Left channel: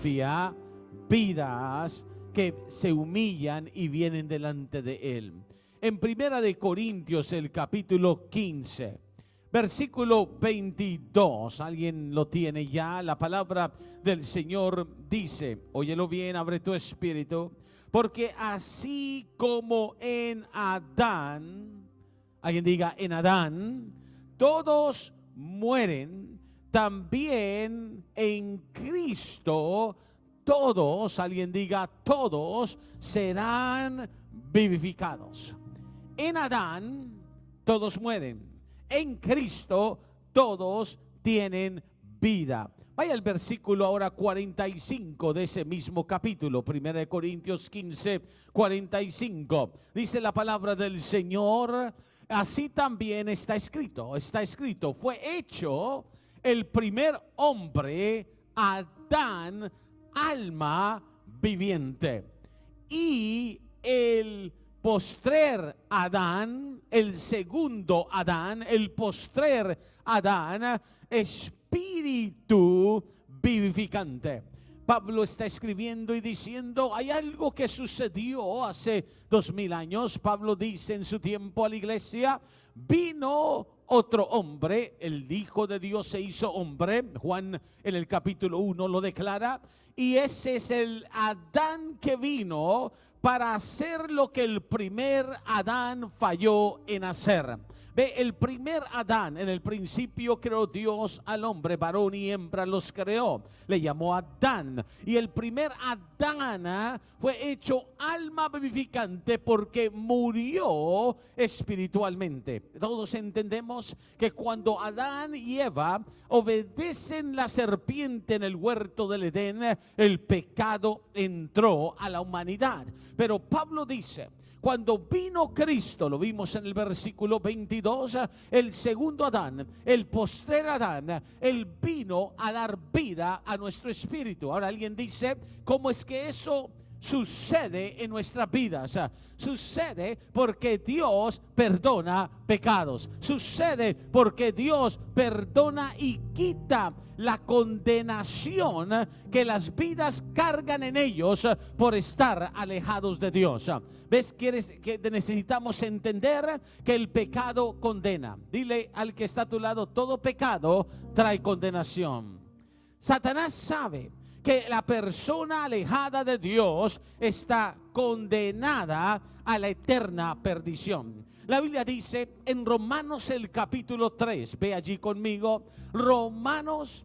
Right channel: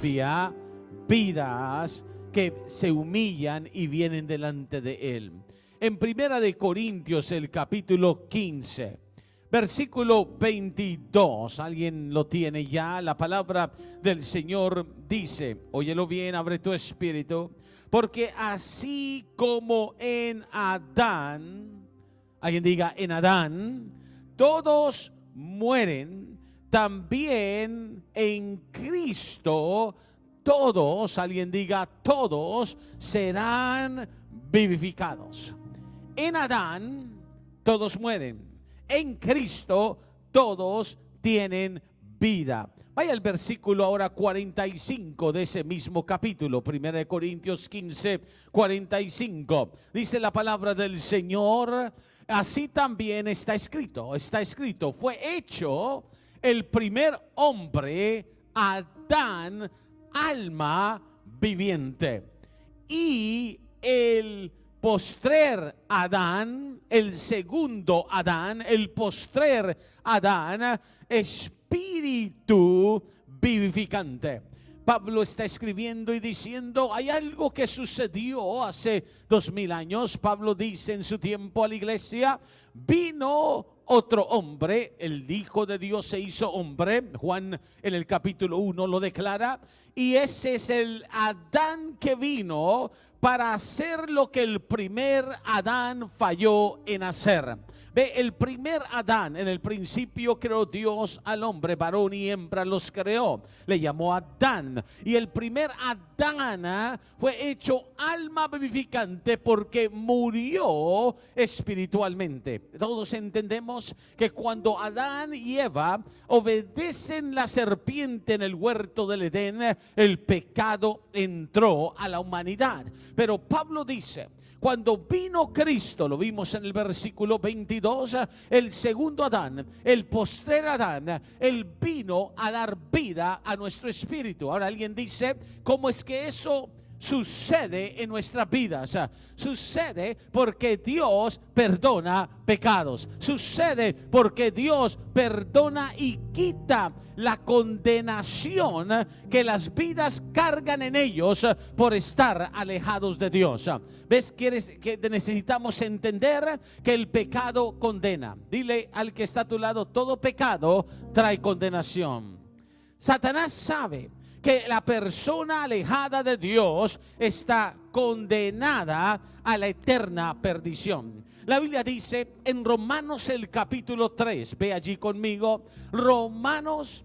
limpia vidas que se humillan y vienen delante de Él. En Primera de Corintios, el capítulo 15, versículo 22, ¿alguien lo tiene ya? La palabra del Señor dice, óyelo bien, abre tu espíritu, porque así como en Adán, alguien diga, en Adán, todos mueren, también en Cristo, todos, alguien diga, todos serán vivificados. En Adán, todos mueren. En Cristo, todos tienen vida. Vaya al versículo ahora 45 de ese mismo capítulo, 1 Corintios 15, 45. Dice la palabra del Señor, así también está escrito, fue hecho el primer hombre, Adán, alma viviente. Y el postrer Adán, el segundo Adán, el postrer Adán, espíritu vivificante. Pablo está escribiendo y diciendo, hay algo que sucedió hace 2000 años. Pablo dice en su tiempo a la iglesia, vino otro hombre, el Hijo de Dios se hizo hombre. Juan en el capítulo 1 lo declara. Y ese es el Adán que vino para hacer lo que el primer Adán falló en hacer. Ve, el primer Adán, en el principio creó Dios al hombre, varón y hembra los creó. Le llamó Adán. Y el primer Adán fue hecho alma vivificante porque murió espiritualmente. Todos entendemos que cuando Adán y Eva obedecen la serpiente en el huerto del Edén, el pecado entró a la humanidad. Pero Pablo dice, cuando vino Cristo, lo vimos en el versículo 22, el segundo Adán, el postrer Adán, él vino a dar vida a nuestro espíritu. Ahora alguien dice, ¿cómo es que eso sucede en nuestras vidas? Sucede porque Dios perdona pecados. Sucede porque Dios perdona y quita la condenación que las vidas cargan en ellos por estar alejados de Dios. ¿Ves que necesitamos entender que el pecado condena? Dile al que está a tu lado, todo pecado trae condenación. Satanás sabe que la persona alejada de Dios está condenada a la eterna perdición. La Biblia dice en Romanos el capítulo 3, ve allí conmigo, Romanos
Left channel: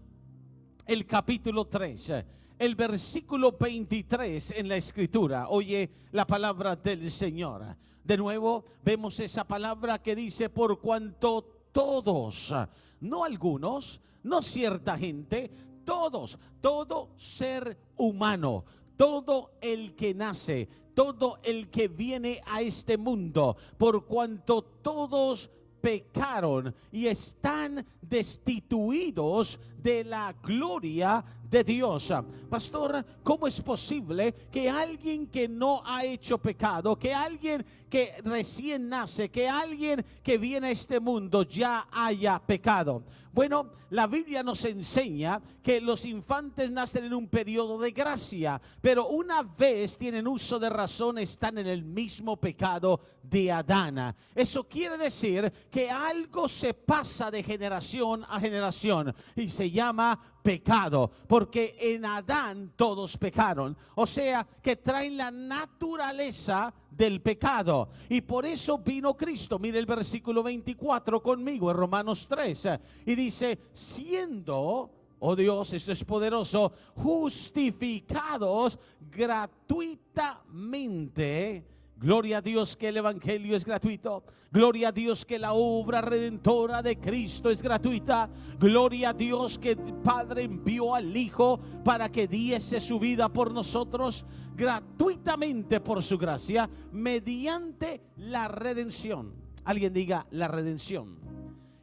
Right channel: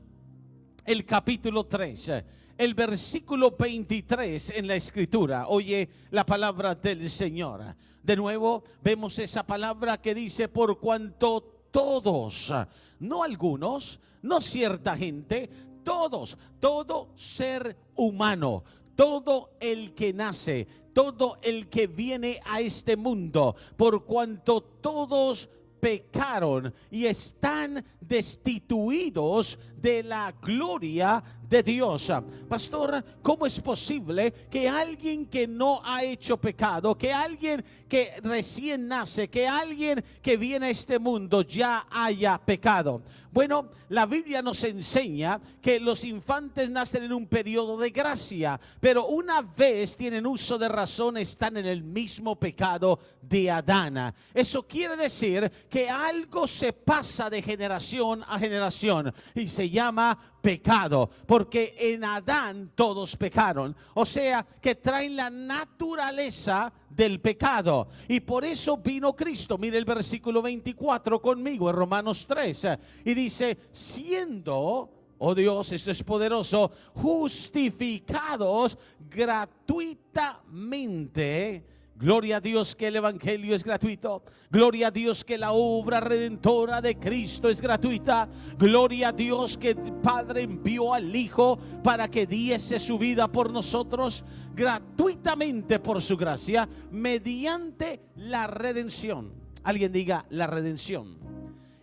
el capítulo 3, el versículo 23 en la escritura. Oye la palabra del Señor. De nuevo vemos esa palabra que dice, por cuanto todos, no algunos, no cierta gente, todos, todo ser humano, todo el que nace, todo el que viene a este mundo, por cuanto todos pecaron y están destituidos de la gloria de Dios. Pastor, ¿cómo es posible que alguien que no ha hecho pecado, que alguien que recién nace, que alguien que viene a este mundo ya haya pecado? Bueno, la Biblia nos enseña que los infantes nacen en un periodo de gracia, pero una vez tienen uso de razón, están en el mismo pecado de Adán. Eso quiere decir que algo se pasa de generación a generación y se llama pecado, porque en Adán todos pecaron, o sea que traen la naturaleza del pecado, y por eso vino Cristo. Mire el versículo 24 conmigo en Romanos 3 y dice, siendo, oh Dios, esto es poderoso, justificados gratuitamente. Gloria a Dios que el evangelio es gratuito. Gloria a Dios que la obra redentora de Cristo es gratuita. Gloria a Dios que el Padre envió al Hijo para que diese su vida por nosotros gratuitamente por su gracia, mediante la redención. Alguien diga la redención.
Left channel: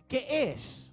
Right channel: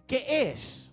¿Qué es?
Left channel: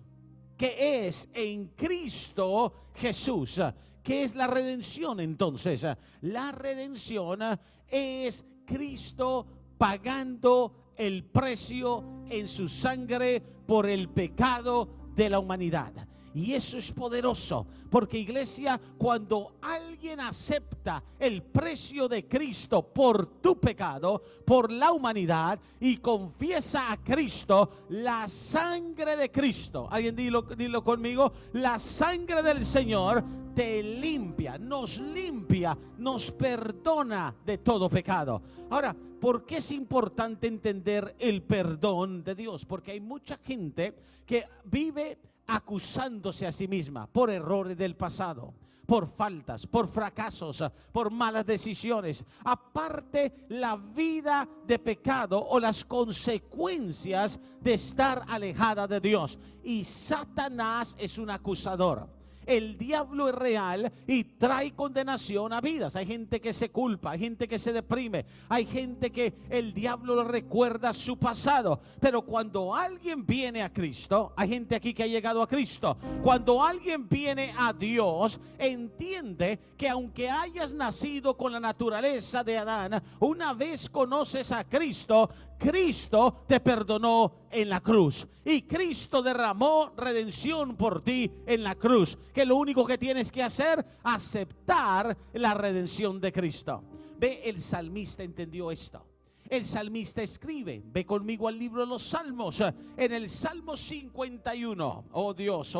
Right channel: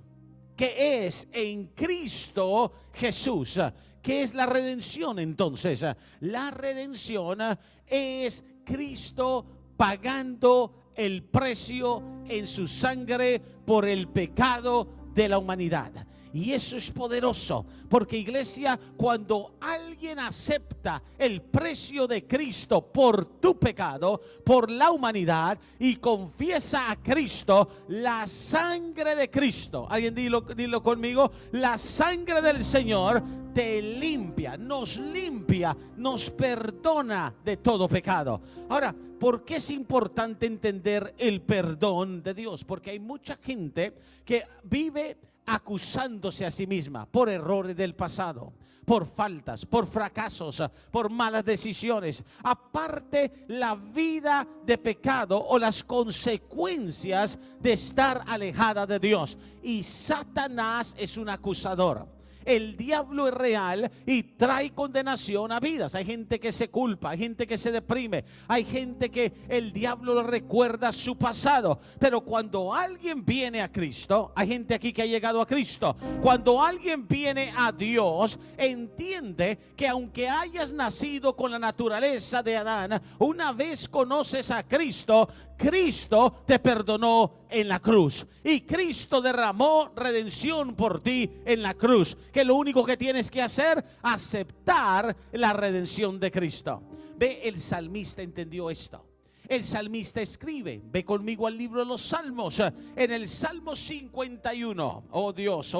¿Qué es en Cristo Jesús? ¿Qué es la redención entonces? La redención es Cristo pagando el precio en su sangre por el pecado de la humanidad. Y eso es poderoso, porque iglesia, cuando alguien alguien acepta el precio de Cristo por tu pecado, por la humanidad, y confiesa a Cristo, la sangre de Cristo, alguien dilo conmigo, la sangre del Señor te limpia, nos perdona de todo pecado. Ahora, ¿por qué es importante entender el perdón de Dios? Porque hay mucha gente que vive acusándose a sí misma por errores del pasado, por faltas, por fracasos, por malas decisiones. Aparte, la vida de pecado o las consecuencias de estar alejada de Dios. Y Satanás es un acusador. El diablo es real y trae condenación a vidas. Hay gente que se culpa, hay gente que se deprime, hay gente que el diablo le recuerda su pasado. Pero cuando alguien viene a Cristo, hay gente aquí que ha llegado a Cristo. Cuando alguien viene a Dios, entiende que aunque hayas nacido con la naturaleza de Adán, una vez conoces a Cristo, Cristo te perdonó en la cruz. Y Cristo derramó redención por ti en la cruz. Que lo único que tienes que hacer, aceptar la redención de Cristo. Ve, el salmista entendió esto. El salmista escribe, ve conmigo al libro de los Salmos, en el Salmo 51. Oh Dios,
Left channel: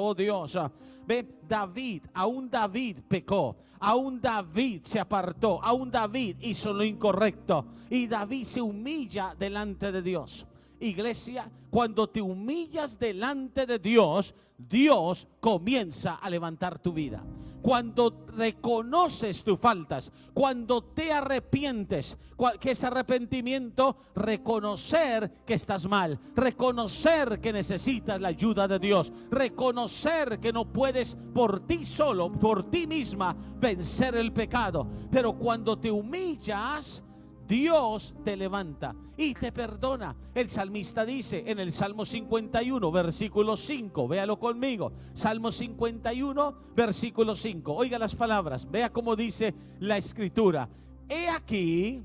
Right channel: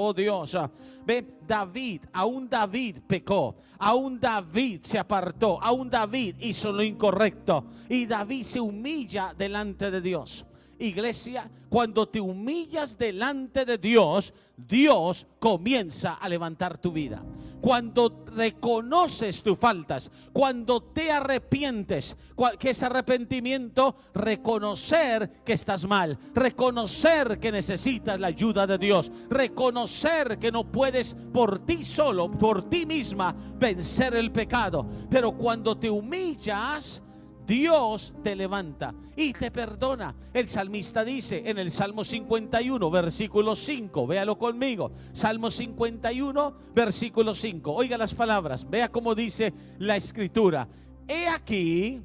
ve, David, aún David pecó, aún David se apartó, aún David hizo lo incorrecto, y David se humilla delante de Dios. Iglesia, cuando te humillas delante de Dios, Dios comienza a levantar tu vida. Cuando reconoces tus faltas, cuando te arrepientes, que es arrepentimiento, reconocer que estás mal, reconocer que necesitas la ayuda de Dios, reconocer que no puedes por ti solo, por ti misma, vencer el pecado. Pero cuando te humillas, Dios te levanta y te perdona. El salmista dice en el Salmo 51, versículo 5, véalo conmigo. Salmo 51, versículo 5. Oiga las palabras, vea cómo dice la escritura. He aquí,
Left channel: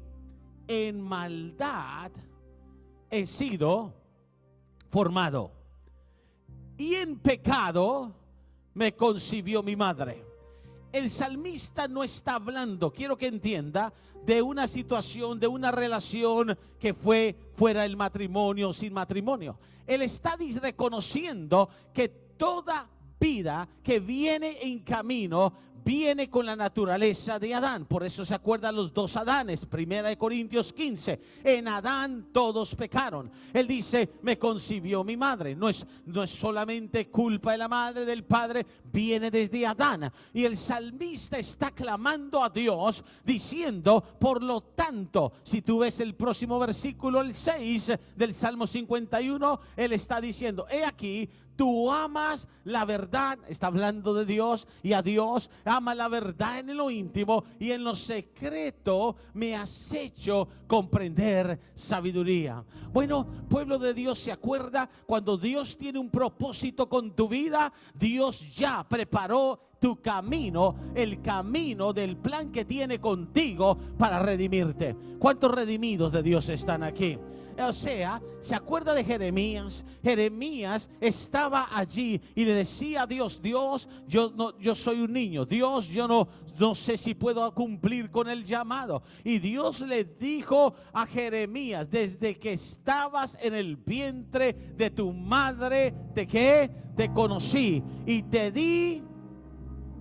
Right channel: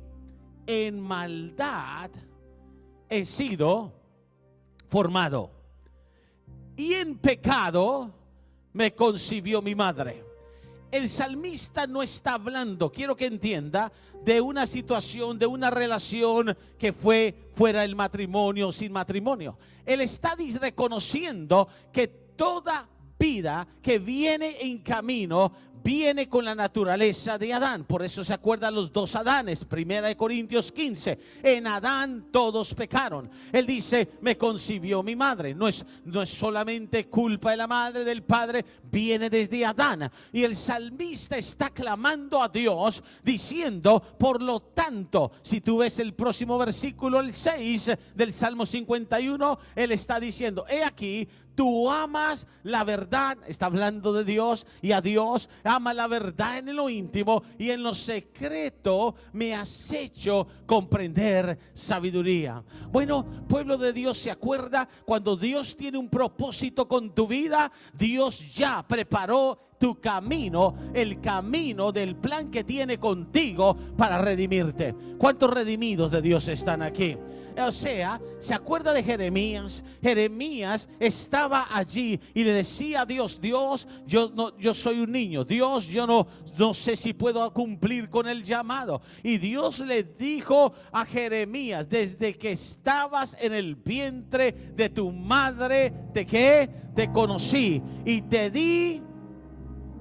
en maldad he sido formado, y en pecado me concibió mi madre. El salmista no está hablando, quiero que entienda, de una situación, de una relación que fue fuera del matrimonio, sin matrimonio. Él está reconociendo que toda vida que viene en camino viene con la naturaleza de Adán. Por eso se acuerdan los dos Adanes. 1 Corintios 15. En Adán todos pecaron. Él dice, me concibió mi madre. No es solamente culpa de la madre, del padre, viene desde Adán. Y el salmista está clamando a Dios diciendo, por lo tanto, si tú ves el próximo versículo, el 6 del Salmo 51, él está diciendo, he aquí, tú amas la verdad, está hablando de Dios, y a Dios ama la verdad en lo íntimo, y en lo secreto me has hecho comprender sabiduría. Bueno, pueblo de Dios, ¿se acuerda? Cuando Dios tiene un propósito con tu vida, Dios ya preparó tu camino, el camino del plan que tiene contigo para redimirte. ¿Cuántos redimidos de Dios están aquí? O sea, ¿se acuerda de Jeremías? Jeremías estaba allí y le decía a Dios, Dios, yo soy un niño, Dios, yo no sé si puedo cumplir con el llamado. Y Dios le dijo a Jeremías, desde que estabas en el vientre de tu madre, te conocí y te di.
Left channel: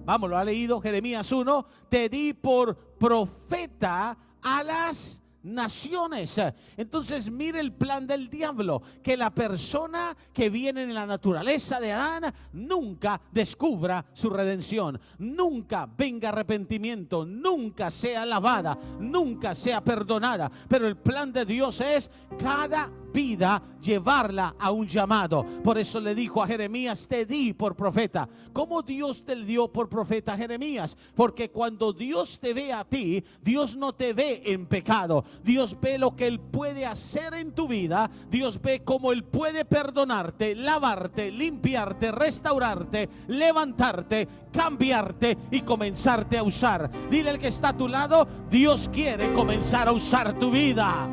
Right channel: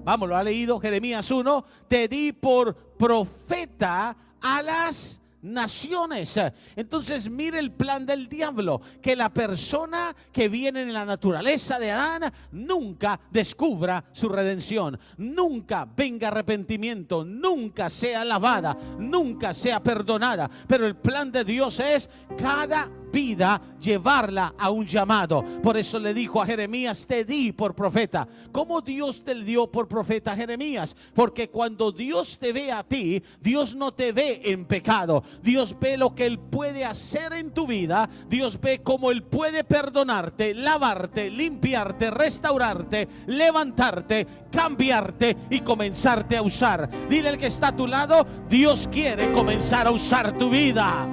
Vamos, lo ha leído Jeremías 1. Te di por profeta a las naciones. Entonces mire el plan del diablo, que la persona que viene en la naturaleza de Adán nunca descubra su redención, nunca venga arrepentimiento, nunca sea lavada, nunca sea perdonada. Pero el plan de Dios es cada vida llevarla a un llamado. Por eso le dijo a Jeremías, te di por profeta. ¿Cómo Dios te dio por profeta a Jeremías? Porque cuando Dios te ve a ti, Dios no te ve en pecado. Dios ve lo que Él puede hacer en tu vida. Dios ve cómo Él puede perdonarte, lavarte, limpiarte, restaurarte, levantarte, cambiarte y comenzarte a usar. Dile al que está a tu lado, Dios quiere comenzar a usar tu vida.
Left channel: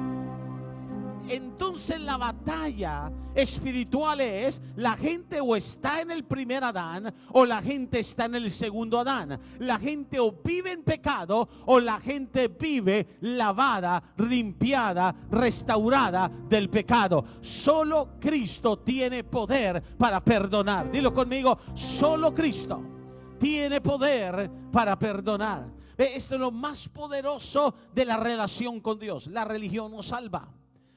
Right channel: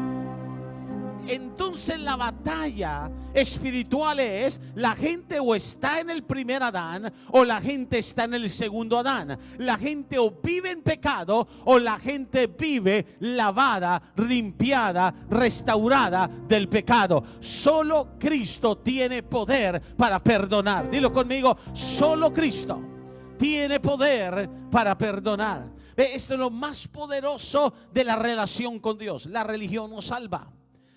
Entonces la batalla espiritual es, la gente o está en el primer Adán o la gente está en el segundo Adán. La gente o vive en pecado o la gente vive lavada, limpiada, restaurada del pecado. Solo Cristo tiene poder para perdonar. Dilo conmigo, solo Cristo tiene poder para perdonar. Esto es lo más poderoso de la relación con Dios. La religión no salva.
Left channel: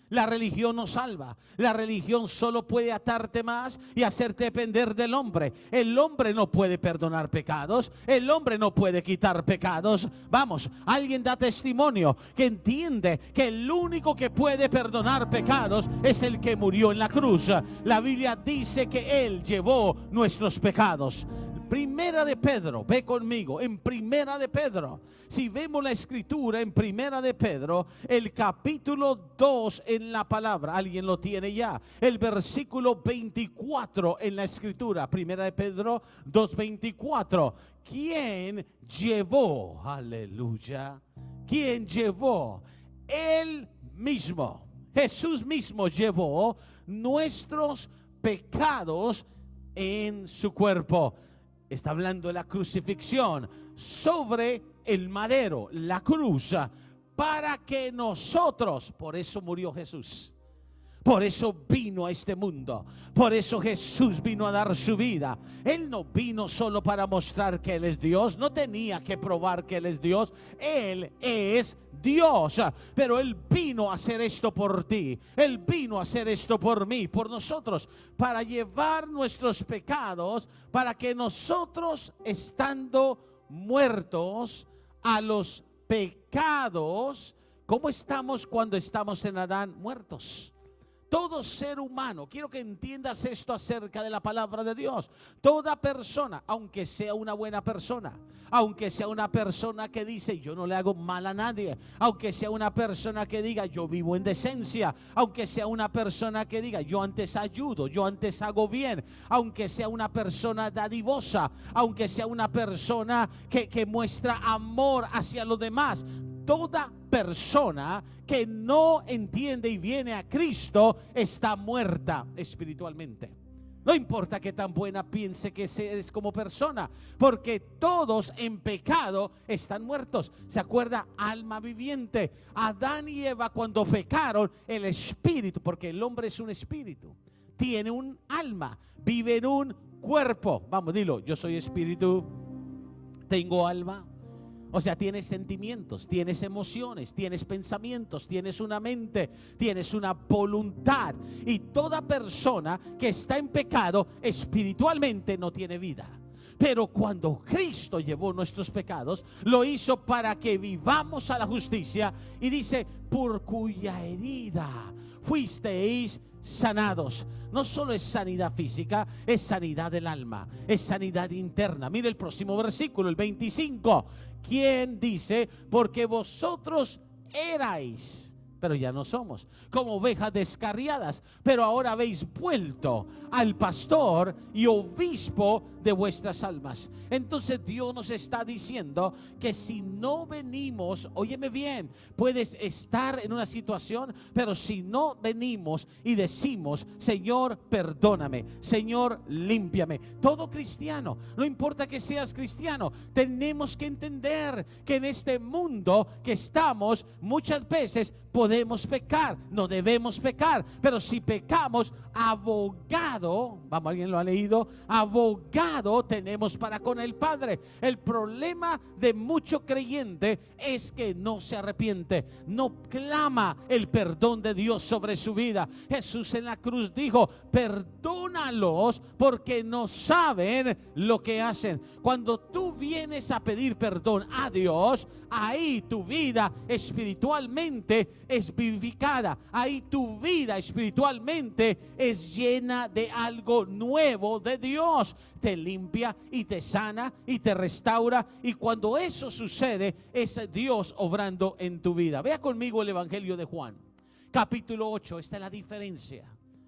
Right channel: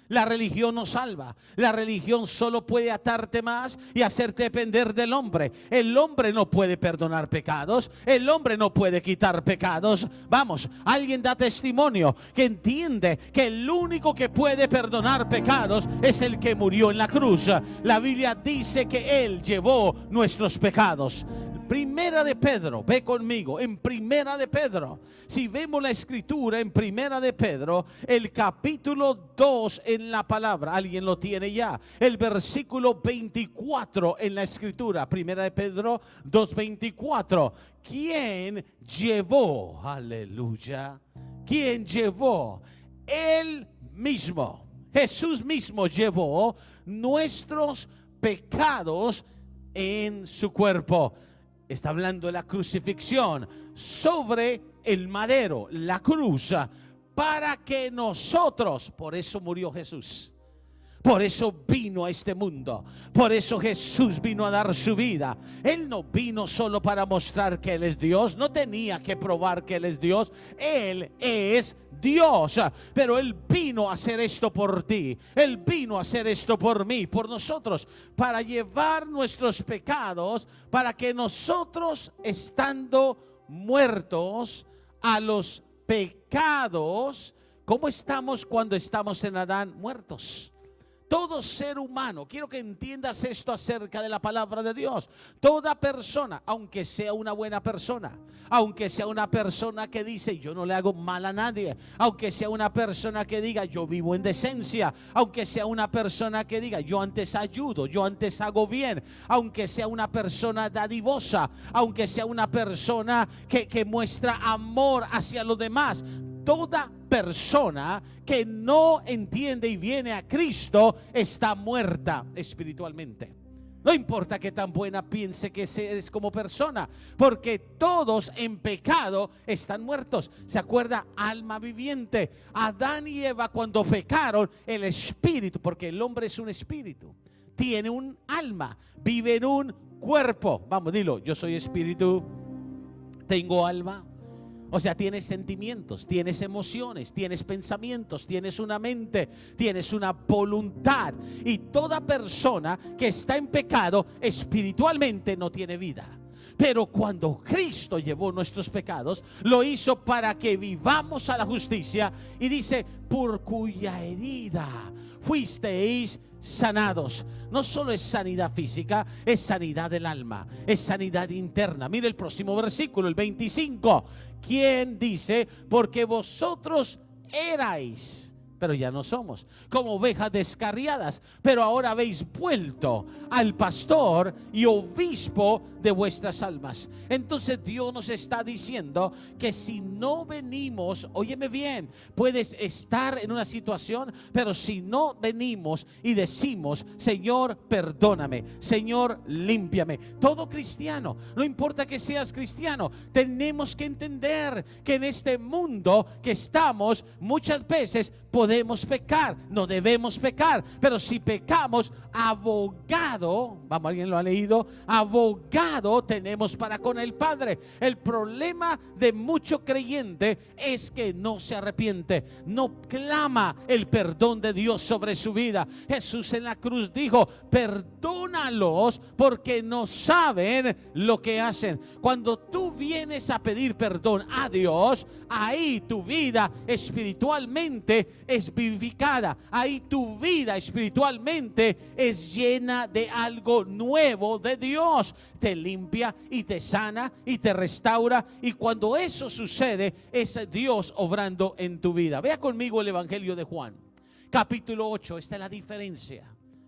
La religión no salva. La religión solo puede atarte más y hacerte depender del hombre. El hombre no puede perdonar pecados. El hombre no puede quitar pecados. Vamos, alguien da testimonio que entiende que el único que puede perdonar pecados es el que murió en la cruz. La Biblia dice que Él llevó nuestros pecados. Primera de Pedro, ve conmigo, en Primera de Pedro. Si vemos la escritura en Primera de Pedro, el capítulo 2 en la palabra, alguien lo tiene ya, el versículo 24 en la escritura, Primera de Pedro 2:24. ¿Quién llevó? Aleluya. ¿Quién llevó? Él mismo, Jesús mismo llevó nuestros pecados en su cuerpo. Está hablando de la crucifixión sobre el madero, la cruz, para que nosotros, por eso murió Jesús, por eso vino a este mundo, por eso Jesús vino a dar su vida. Él no vino solo para mostrar que Él es Dios, no tenía que probar que Él es Dios, Él es Dios, pero Él vino a hacer esto por ti, Él vino a hacer esto por mí, por nosotros, para llevar nuestros pecados, para que nosotros, estando muertos a los pecados, ¿cómo estamos cuando estamos en Adán? Muertos. Todo ser humano, quiero que entiendas esto acerca de la palabra de Dios. Toda persona, aunque sea una buena persona, aunque sea una persona que dice yo no le hago mal a nadie, aunque sea una persona que diga yo vivo en decencia, aunque sea una persona que diga yo antes ayudo, yo antes hago bien, aunque sea una persona dadivosa, aunque sea una persona que muestra amor hacia los demás, toda persona que no entiende y viene a Cristo está muerta espiritualmente. No importa qué tan buena piense que seas como persona, porque todos en pecado están muertos. ¿Se acuerda? Alma viviente. Adán y Eva cuando pecaron, el espíritu, porque el hombre es un espíritu, tiene un alma, vive en un cuerpo. Vamos, dilo, yo soy espíritu, tengo alma. O sea, tienes sentimientos, tienes emociones, tienes pensamientos, tienes una mente, tienes una voluntad. Y toda persona que está en pecado espiritualmente no tiene vida. Pero cuando Cristo llevó nuestros pecados, lo hizo para que vivamos a la justicia. Y dice, por cuya herida fuisteis sanados. No solo es sanidad física, es sanidad del alma, es sanidad interna. Mire el próximo versículo, el 25. ¿Quién dice? Porque vosotros erais, pero ya no somos, como ovejas descarriadas, pero ahora habéis vuelto al pastor y obispo de vuestras almas. Entonces Dios nos está diciendo que si no venimos, óyeme bien, puedes estar en una situación, pero si no venimos y decimos, Señor, perdóname, Señor, límpiame. Todo cristiano, no importa que seas cristiano, tenemos que entender que en este mundo que estamos, muchas veces podemos pecar, no debemos pecar, pero si pecamos, abogado, vamos, alguien lo ha leído, abogado tenemos para con el Padre. El problema de mucho creyente es que no se arrepiente, no clama el perdón de Dios sobre su vida. Jesús en la cruz dijo, perdónalos porque no saben lo que hacen. Cuando tú vienes a pedir perdón a Dios, ahí tu vida espiritualmente es vivificada, ahí tu vida espiritualmente es llena de algo nuevo de Dios. Te limpia y te sana y te restaura, y cuando eso sucede es Dios obrando en tu vida. Vea conmigo el Evangelio de Juan, capítulo 8. Esta es la diferencia.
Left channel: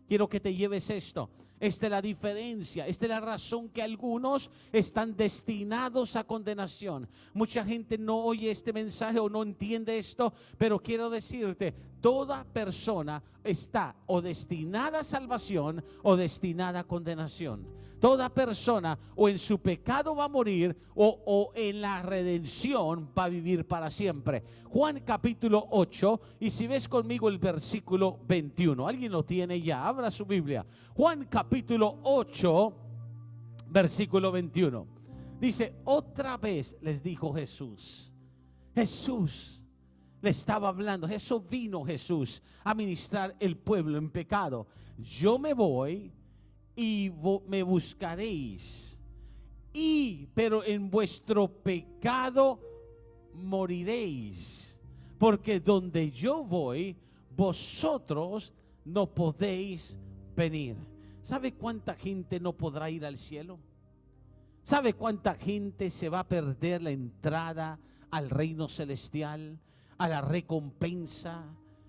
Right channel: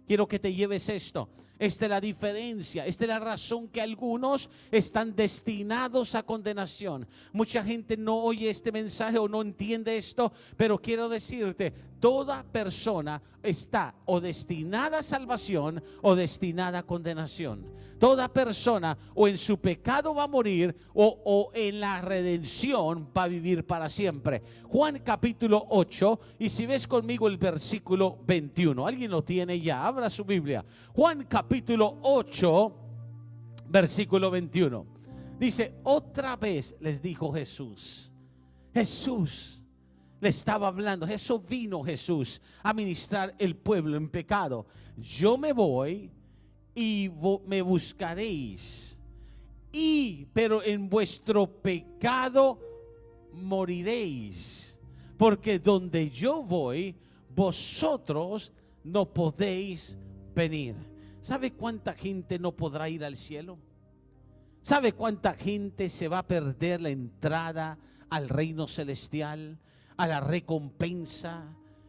Quiero que te lleves esto. Esta es la diferencia, esta es la razón que algunos están destinados a condenación. Mucha gente no oye este mensaje o no entiende esto, pero quiero decirte, toda persona está o destinada a salvación o destinada a condenación. Toda persona o en su pecado va a morir o en la redención va a vivir para siempre. Juan capítulo 8, y si ves conmigo el versículo 21, alguien lo tiene ya, abra su Biblia. Juan capítulo 8, versículo 21. Dice, otra vez les dijo Jesús. Jesús le estaba hablando, eso vino Jesús a ministrar el pueblo en pecado. Yo me voy y me buscaréis, pero en vuestro pecado moriréis, porque donde yo voy, vosotros no podéis venir. ¿Sabe cuánta gente no podrá ir al cielo? ¿Sabe cuánta gente se va a perder la entrada al reino celestial, a la recompensa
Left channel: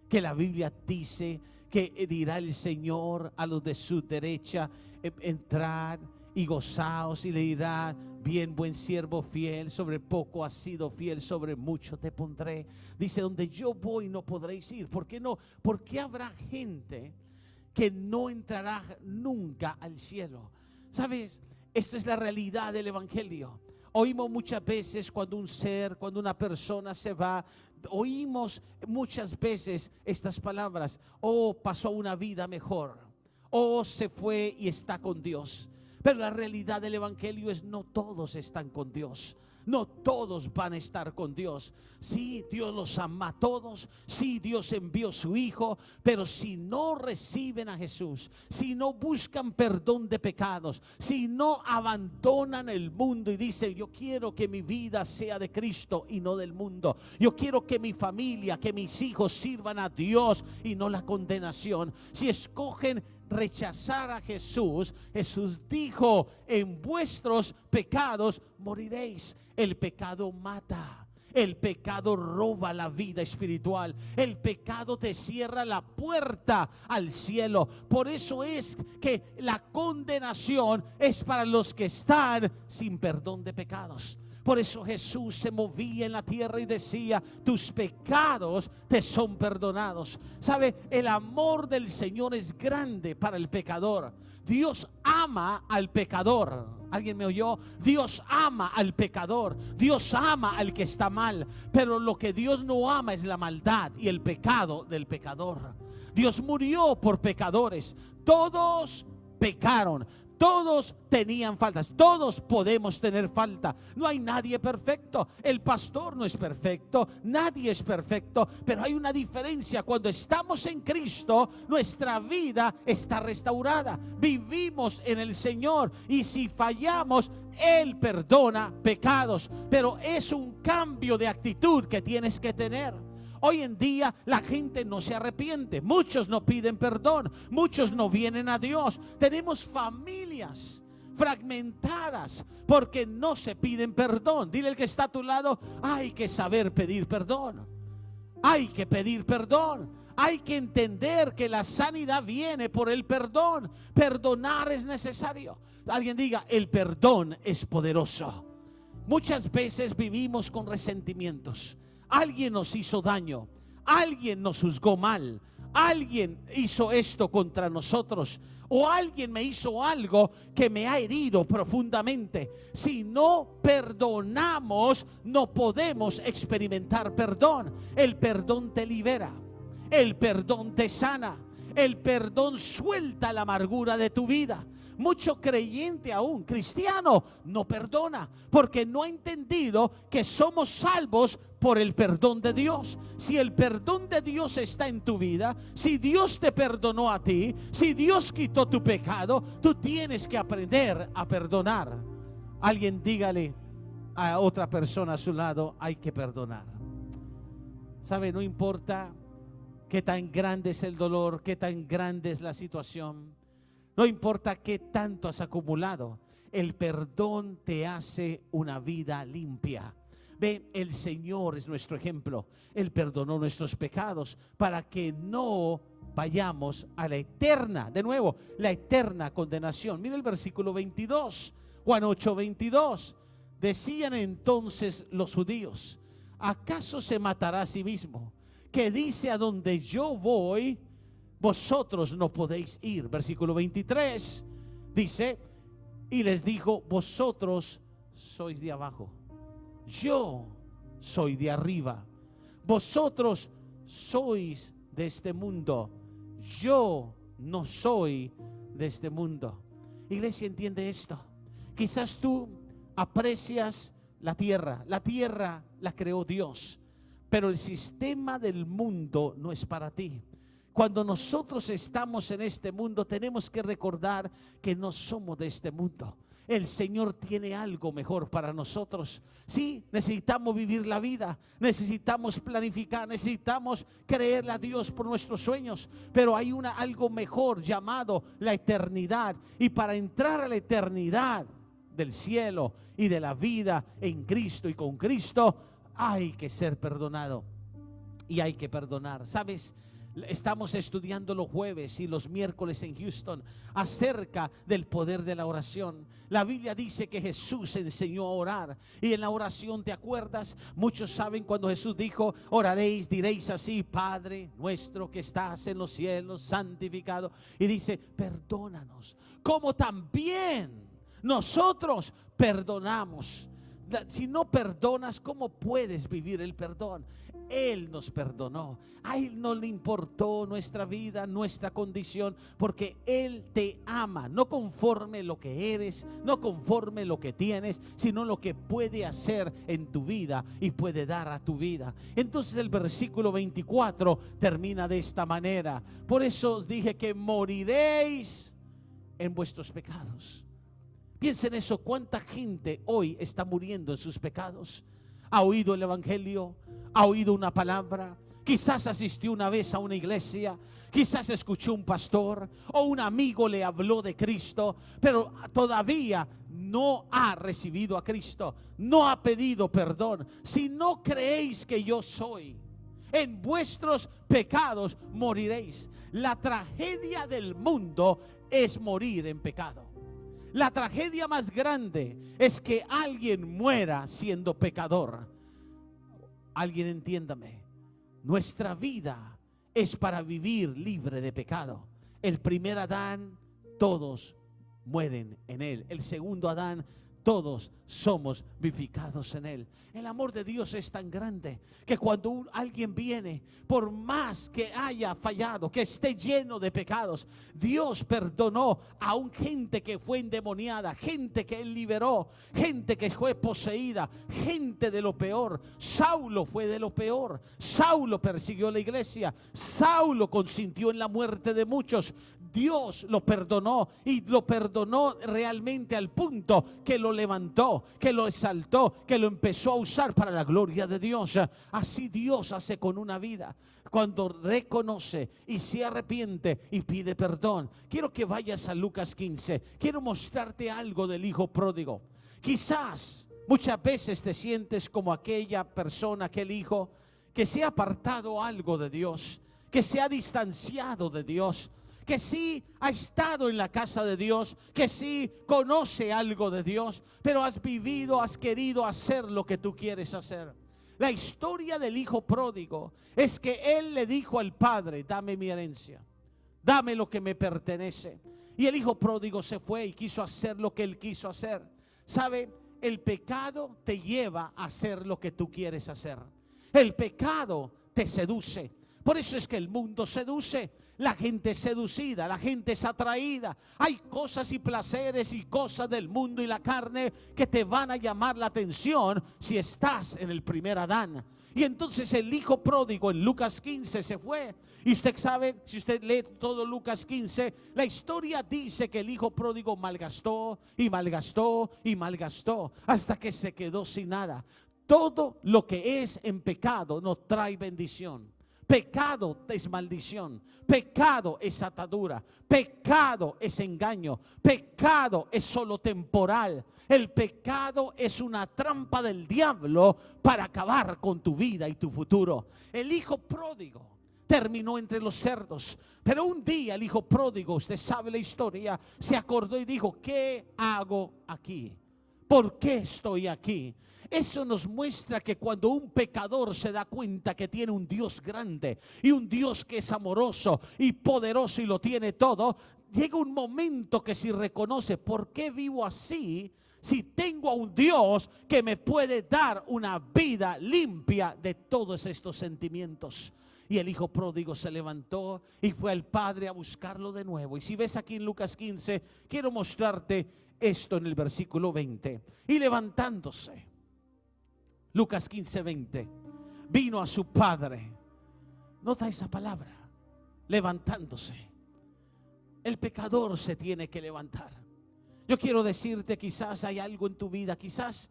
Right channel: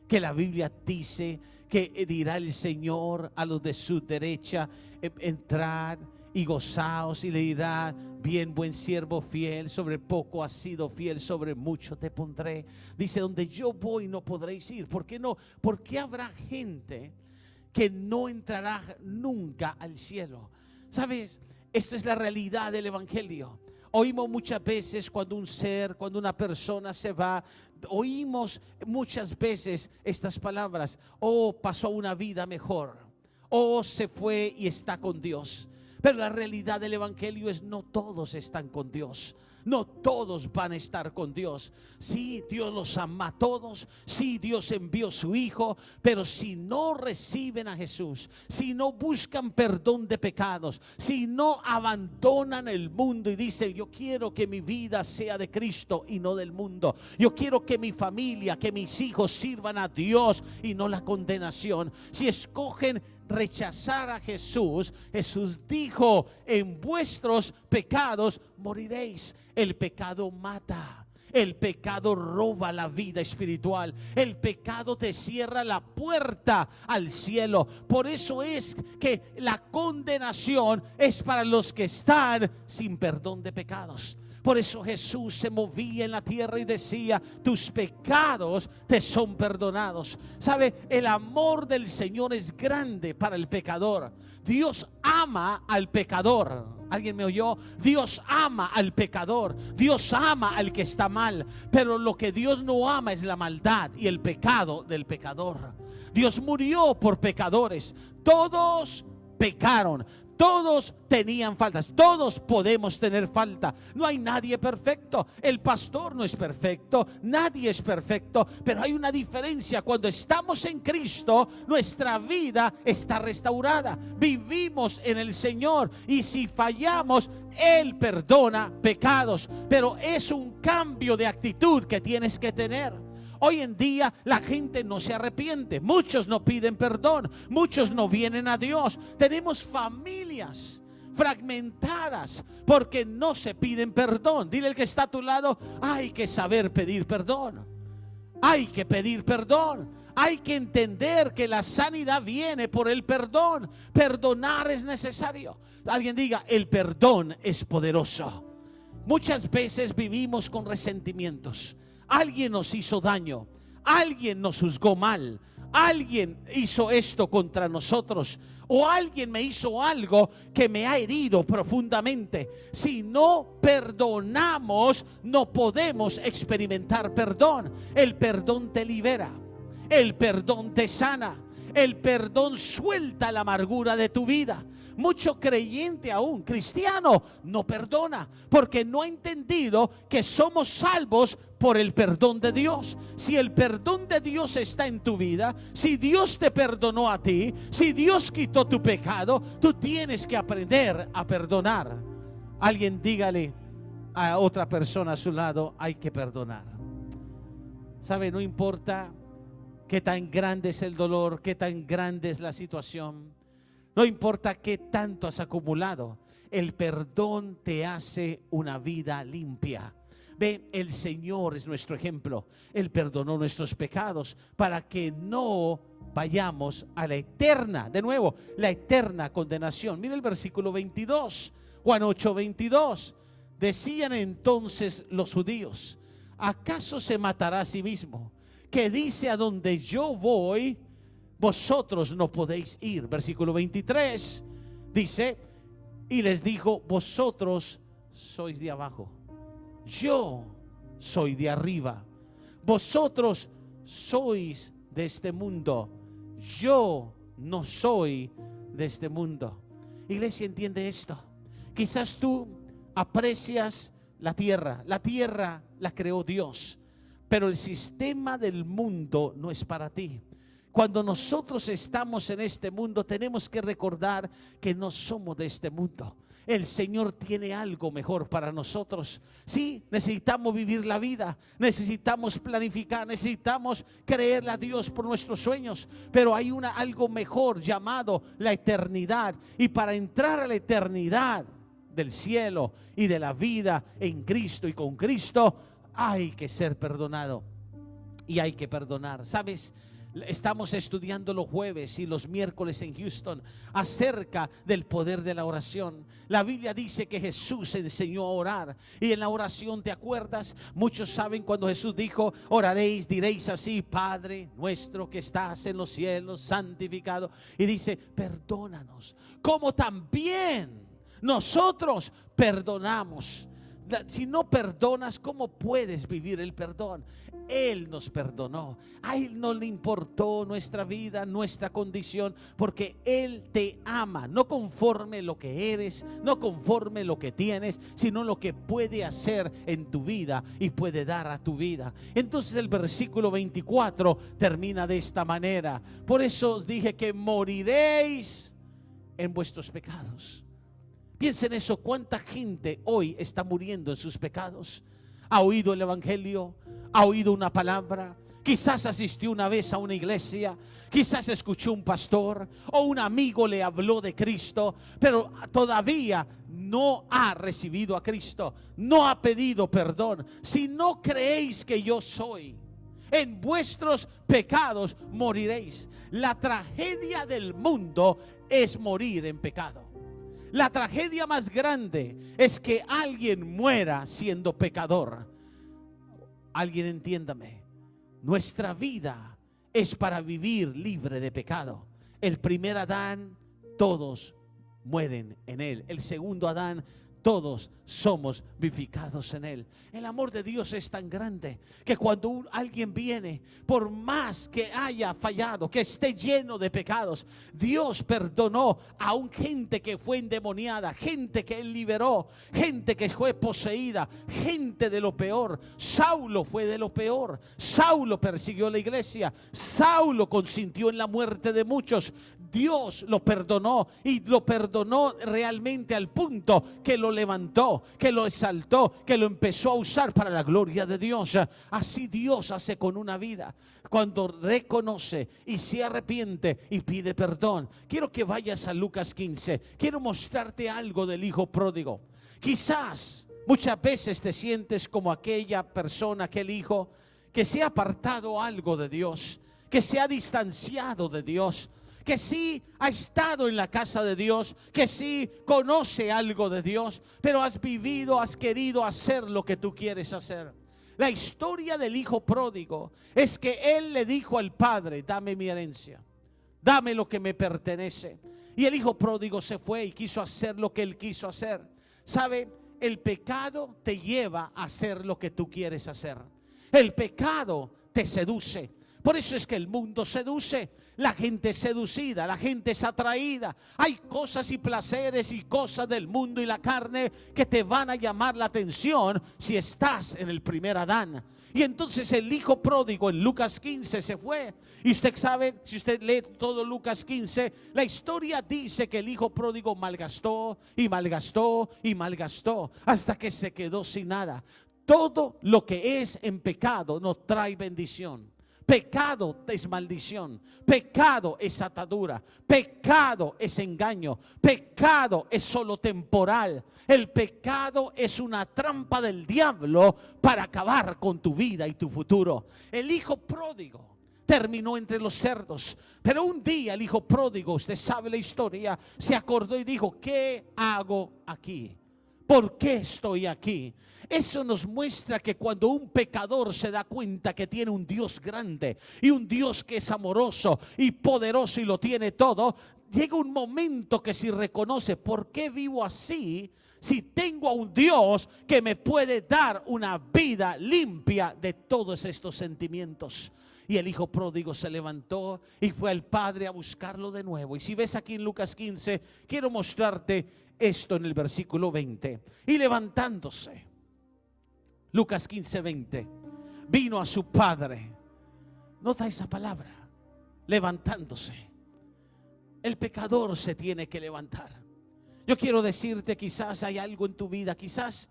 que la Biblia dice que dirá el Señor a los de su derecha? Entrad y gozaos, y le dirá, bien, buen siervo fiel, sobre poco has sido fiel, sobre mucho te pondré. Dice, donde yo voy no podréis ir. ¿Por qué no? Porque habrá gente que no entrará nunca al cielo. ¿Sabes? Esto es la realidad del evangelio. Oímos muchas veces cuando cuando una persona se va, oímos muchas veces estas palabras: oh, pasó una vida mejor, oh, se fue y está con Dios. Pero la realidad del evangelio es, no todos están con Dios. No todos van a estar con Dios. Sí, Dios los ama a todos. Sí, Dios envió su Hijo. Pero si no reciben a Jesús, si no buscan perdón de pecados, si no abandonan el mundo y dicen, yo quiero que mi vida sea de Cristo y no del mundo. Yo quiero que mi familia, que mis hijos sirvan a Dios y no la condenación. Si escogen rechazar a Jesús, Jesús dijo, en vuestros pecados moriréis. El pecado mata, el pecado roba la vida espiritual, el pecado te cierra la puerta al cielo. Por eso es que la condenación es para los que están sin perdón de pecados. Por eso Jesús se movía en la tierra y decía, tus pecados te son perdonados. ¿Sabe? El amor del Señor es grande para el pecador. Dios ama al pecador. ¿Alguien me oyó? Dios ama al pecador. Dios ama al que está mal. Pero lo que Dios no ama es la maldad y el pecado del pecador. Dios murió por pecadores. Todos pecaron. Todos tenían faltas, todos podemos tener falta. No hay nadie perfecto. El pastor no es perfecto, nadie es perfecto. Pero hay una diferencia: cuando estamos en Cristo, nuestra vida está restaurada. Vivimos en el Señor, y si fallamos, Él perdona pecados. Pero es un cambio de actitud que tienes que tener. Hoy en día la gente no se arrepiente, muchos no piden perdón, muchos no vienen a Dios. Tenemos familias fragmentadas porque no se piden perdón. Dile al que está a tu lado, hay que saber pedir perdón. Hay que pedir perdón. Hay que entender que la sanidad viene por el perdón. Perdonar es necesario. Alguien diga, el perdón es poderoso. Muchas veces vivimos con resentimientos. Alguien nos hizo daño, alguien nos juzgó mal, alguien hizo esto contra nosotros, o alguien me hizo algo que me ha herido profundamente. Si no perdonamos, no podemos experimentar perdón. El perdón te libera, el perdón te sana, el perdón suelta la amargura de tu vida. Mucho creyente, aún cristiano, no perdona porque no ha entendido que somos salvos por el perdón de Dios. Si el perdón de Dios está en tu vida, si Dios te perdonó a ti, si Dios quitó tu pecado, tú tienes que aprender a perdonar. Alguien dígale a otra persona a su lado, hay que perdonar. ¿Sabe? No importa qué tan grande es el dolor, qué tan grande es la situación. No importa qué tanto has acumulado, el perdón te hace una vida limpia. Ve, el Señor es nuestro ejemplo. Él perdonó nuestros pecados para que no vayamos a la eterna, de nuevo, la eterna condenación. Mira el versículo 22, Juan 8:22. Decían entonces los judíos: ¿acaso se matará a sí mismo? Que dice: a donde yo voy, vosotros no podéis ir. Versículo 23 dice: y les dijo: vosotros sois de abajo, yo soy de arriba. Vosotros sois de este mundo, yo no soy de este mundo. Iglesia, entiende esto. Quizás tú aprecias la tierra la creó Dios, pero el sistema del mundo no es para ti. Cuando nosotros estamos en este mundo, tenemos que recordar que no somos de este mundo. El Señor tiene algo mejor para nosotros. Sí, necesitamos vivir la vida, necesitamos planificar, necesitamos creerle a Dios por nuestros sueños, pero hay algo mejor llamado la eternidad. Y para entrar a la eternidad del cielo y de la vida en Cristo y con Cristo, hay que ser perdonado y hay que perdonar. ¿Sabes? Estamos estudiando los jueves y los miércoles en Houston acerca del poder de la oración. La Biblia dice que Jesús enseñó a orar, y en la oración, ¿te acuerdas? Muchos saben cuando Jesús dijo: oraréis, diréis así: Padre nuestro que estás en los cielos, santificado. Y dice: perdónanos, como también nosotros perdonamos. Si no perdonas, ¿cómo puedes vivir el perdón? Él nos perdonó. A Él no le importó nuestra vida, nuestra condición, porque Él te ama, no conforme lo que eres, no conforme lo que tienes, sino lo que puede hacer en tu vida y puede dar a tu vida. Entonces el versículo 24 termina de esta manera: por eso os dije que moriréis en vuestros pecados. Piensen eso, cuánta gente hoy está muriendo en sus pecados. Ha oído el evangelio, ha oído una palabra, quizás asistió una vez a una iglesia, quizás escuchó un pastor o un amigo le habló de Cristo, pero todavía no ha recibido a Cristo, no ha pedido perdón. Si no creéis que yo soy, en vuestros pecados moriréis. La tragedia del mundo es morir en pecado. La tragedia más grande es que alguien muera siendo pecador. Alguien entiéndame, nuestra vida es para vivir libre de pecado. El primer Adán, todos mueren en él. El segundo Adán, todos somos vivificados en él. El amor de Dios es tan grande que cuando alguien viene, por más que haya fallado, que esté lleno de pecados, Dios perdonó a gente que fue endemoniada, gente que Él liberó, gente que fue poseída, gente de lo peor. Saulo fue de lo peor. Saulo persiguió la iglesia. Saulo consintió en la muerte de muchos. Dios lo perdonó, y lo perdonó realmente al punto que lo levantó, que lo exaltó, que lo empezó a usar para la gloria de Dios. Así Dios hace con una vida cuando reconoce y se arrepiente y pide perdón. Quiero que vayas a Lucas 15. Quiero mostrarte algo del hijo pródigo. Quizás muchas veces te sientes como aquella persona, aquel hijo que se ha apartado algo de Dios, que se ha distanciado de Dios, que sí ha estado en la casa de Dios, que sí conoce algo de Dios, pero has vivido, has querido hacer lo que tú quieres hacer. La historia del hijo pródigo es que él le dijo al padre: dame mi herencia, dame lo que me pertenece. Y el hijo pródigo se fue y quiso hacer lo que él quiso hacer. ¿Sabe? El pecado te lleva a hacer lo que tú quieres hacer. El pecado te seduce. Por eso es que el mundo seduce. La gente es seducida, la gente es atraída. Hay cosas y placeres y cosas del mundo y la carne que te van a llamar la atención si estás en el primer Adán. Y entonces el hijo pródigo en Lucas 15 se fue. Y usted sabe, si usted lee todo Lucas 15, la historia dice que el hijo pródigo malgastó y malgastó y malgastó hasta que se quedó sin nada. Todo lo que es en pecado no trae bendición. Pecado es maldición, pecado es atadura, pecado es engaño, pecado es solo temporal. El pecado es una trampa del diablo para acabar con tu vida y tu futuro. El hijo pródigo terminó entre los cerdos, pero un día el hijo pródigo, usted sabe la historia, se acordó y dijo: ¿qué hago aquí? ¿Por qué estoy aquí? Eso nos muestra que cuando un pecador se da cuenta que tiene un Dios grande y un Dios que es amoroso y poderoso y lo tiene todo, llega un momento que si reconoce: ¿por qué vivo así si tengo a un Dios que me puede dar una vida limpia de todos estos sentimientos? Y el hijo pródigo se levantó y fue al padre a buscarlo de nuevo. Y si ves aquí en Lucas 15, quiero mostrarte esto en el versículo 20. Y levantándose, Lucas 15, 20, vino a su padre. Nota esa palabra, levantándose. El pecador se tiene que levantar. Yo quiero decirte, quizás hay algo en tu vida, quizás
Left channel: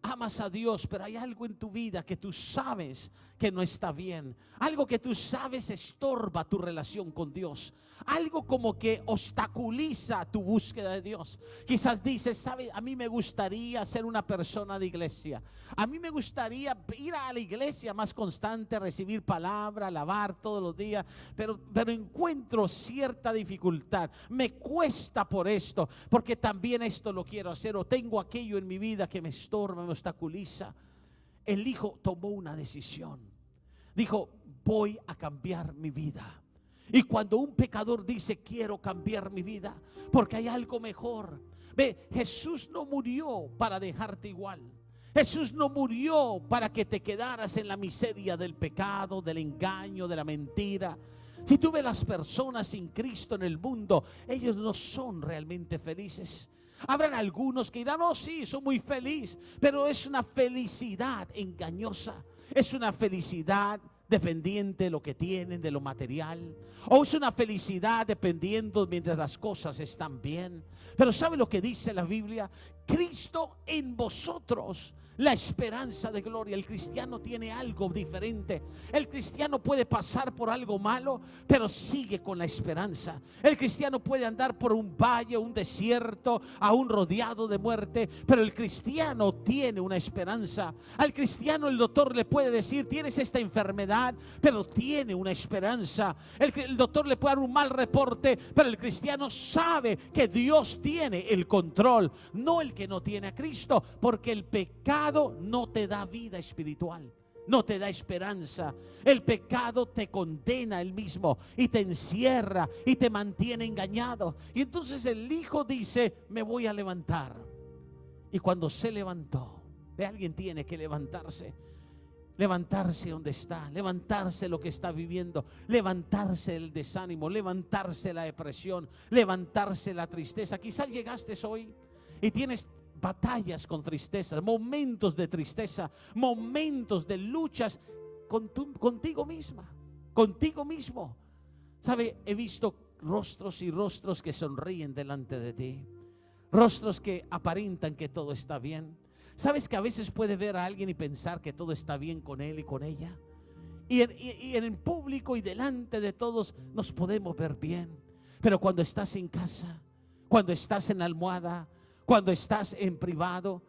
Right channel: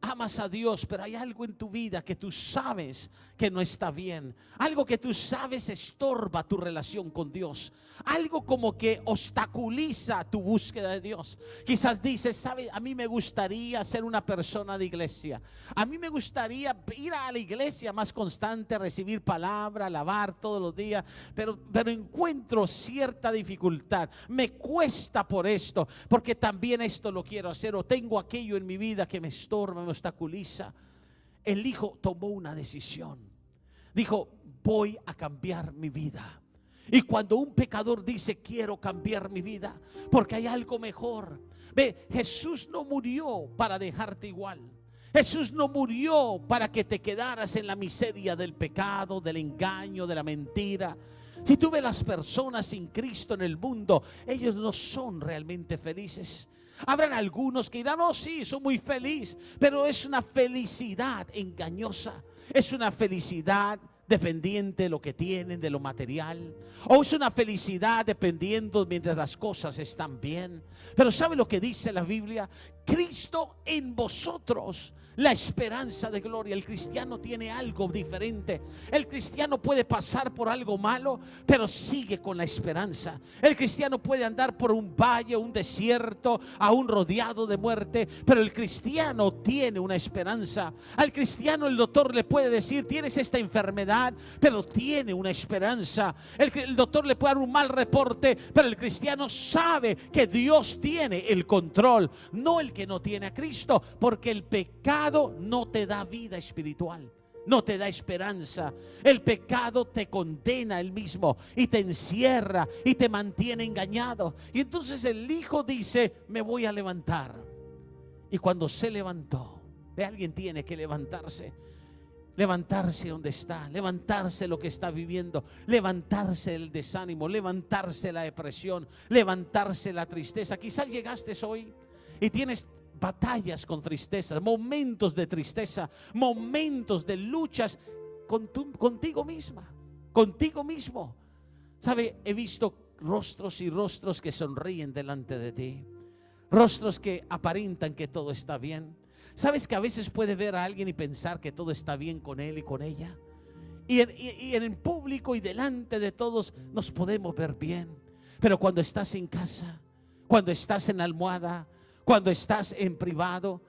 amas a Dios, pero hay algo en tu vida que tú sabes que no está bien. Algo que tú sabes estorba tu relación con Dios. Algo como que obstaculiza tu búsqueda de Dios. Quizás dices: ¿sabe? A mí me gustaría ser una persona de iglesia. A mí me gustaría ir a la iglesia más constante, recibir palabra, alabar todos los días. Pero encuentro cierta dificultad. Me cuesta por esto, porque también esto lo quiero hacer. O tengo aquello en mi vida que me estorba, me obstaculiza. El hijo tomó una decisión. Dijo: voy a cambiar mi vida. Y cuando un pecador dice: quiero cambiar mi vida porque hay algo mejor. Ve, Jesús no murió para dejarte igual. Jesús no murió para que te quedaras en la miseria del pecado, del engaño, de la mentira. Si tú ves las personas sin Cristo en el mundo, ellos no son realmente felices. Habrán algunos que dirán: oh sí, soy muy feliz, pero es una felicidad engañosa. Es una felicidad dependiente de lo que tienen, de lo material. O es una felicidad dependiendo mientras las cosas están bien. Pero ¿sabe lo que dice la Biblia? Cristo en vosotros, la esperanza de gloria. El cristiano tiene algo diferente. El cristiano puede pasar por algo malo, pero sigue con la esperanza. El cristiano puede andar por un valle, un desierto, aún rodeado de muerte, pero el cristiano tiene una esperanza. Al cristiano el doctor le puede decir: tienes esta enfermedad, pero tiene una esperanza. El doctor le puede dar un mal reporte, pero el cristiano sabe que Dios tiene el control, no el que no tiene a Cristo, porque el pecado no te da vida espiritual, no te da esperanza. El pecado te condena él mismo y te encierra y te mantiene engañado. Y entonces el hijo dice: me voy a levantar. Y cuando se levantó, alguien tiene que levantarse. Levantarse donde está, levantarse lo que está viviendo, levantarse el desánimo, levantarse la depresión, levantarse la tristeza. Quizás llegaste hoy y tienes batallas con tristeza, momentos de tristeza, momentos de luchas contigo misma, contigo mismo. ¿Sabe? He visto rostros y rostros que sonríen delante de ti, rostros que aparentan que todo está bien. ¿Sabes que a veces puede ver a alguien y pensar que todo está bien con él y con ella? Y en el público y delante de todos nos podemos ver bien, pero cuando estás en casa, cuando estás en la almohada, cuando estás en privado,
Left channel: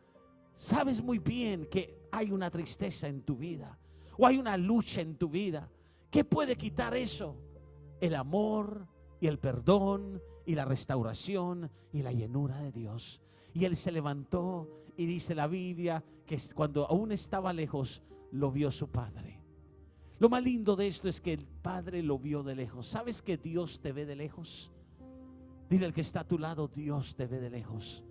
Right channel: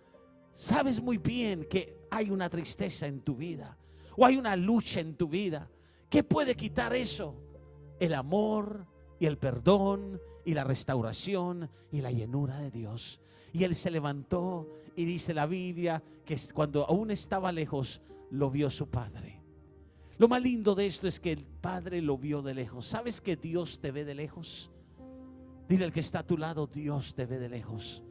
sabes muy bien que hay una tristeza en tu vida o hay una lucha en tu vida. ¿Qué puede quitar eso? El amor y el perdón y la restauración y la llenura de Dios. Y él se levantó y dice la Biblia que cuando aún estaba lejos lo vio su padre. Lo más lindo de esto es que el padre lo vio de lejos. ¿Sabes que Dios te ve de lejos? Dile al que está a tu lado: Dios te ve de lejos.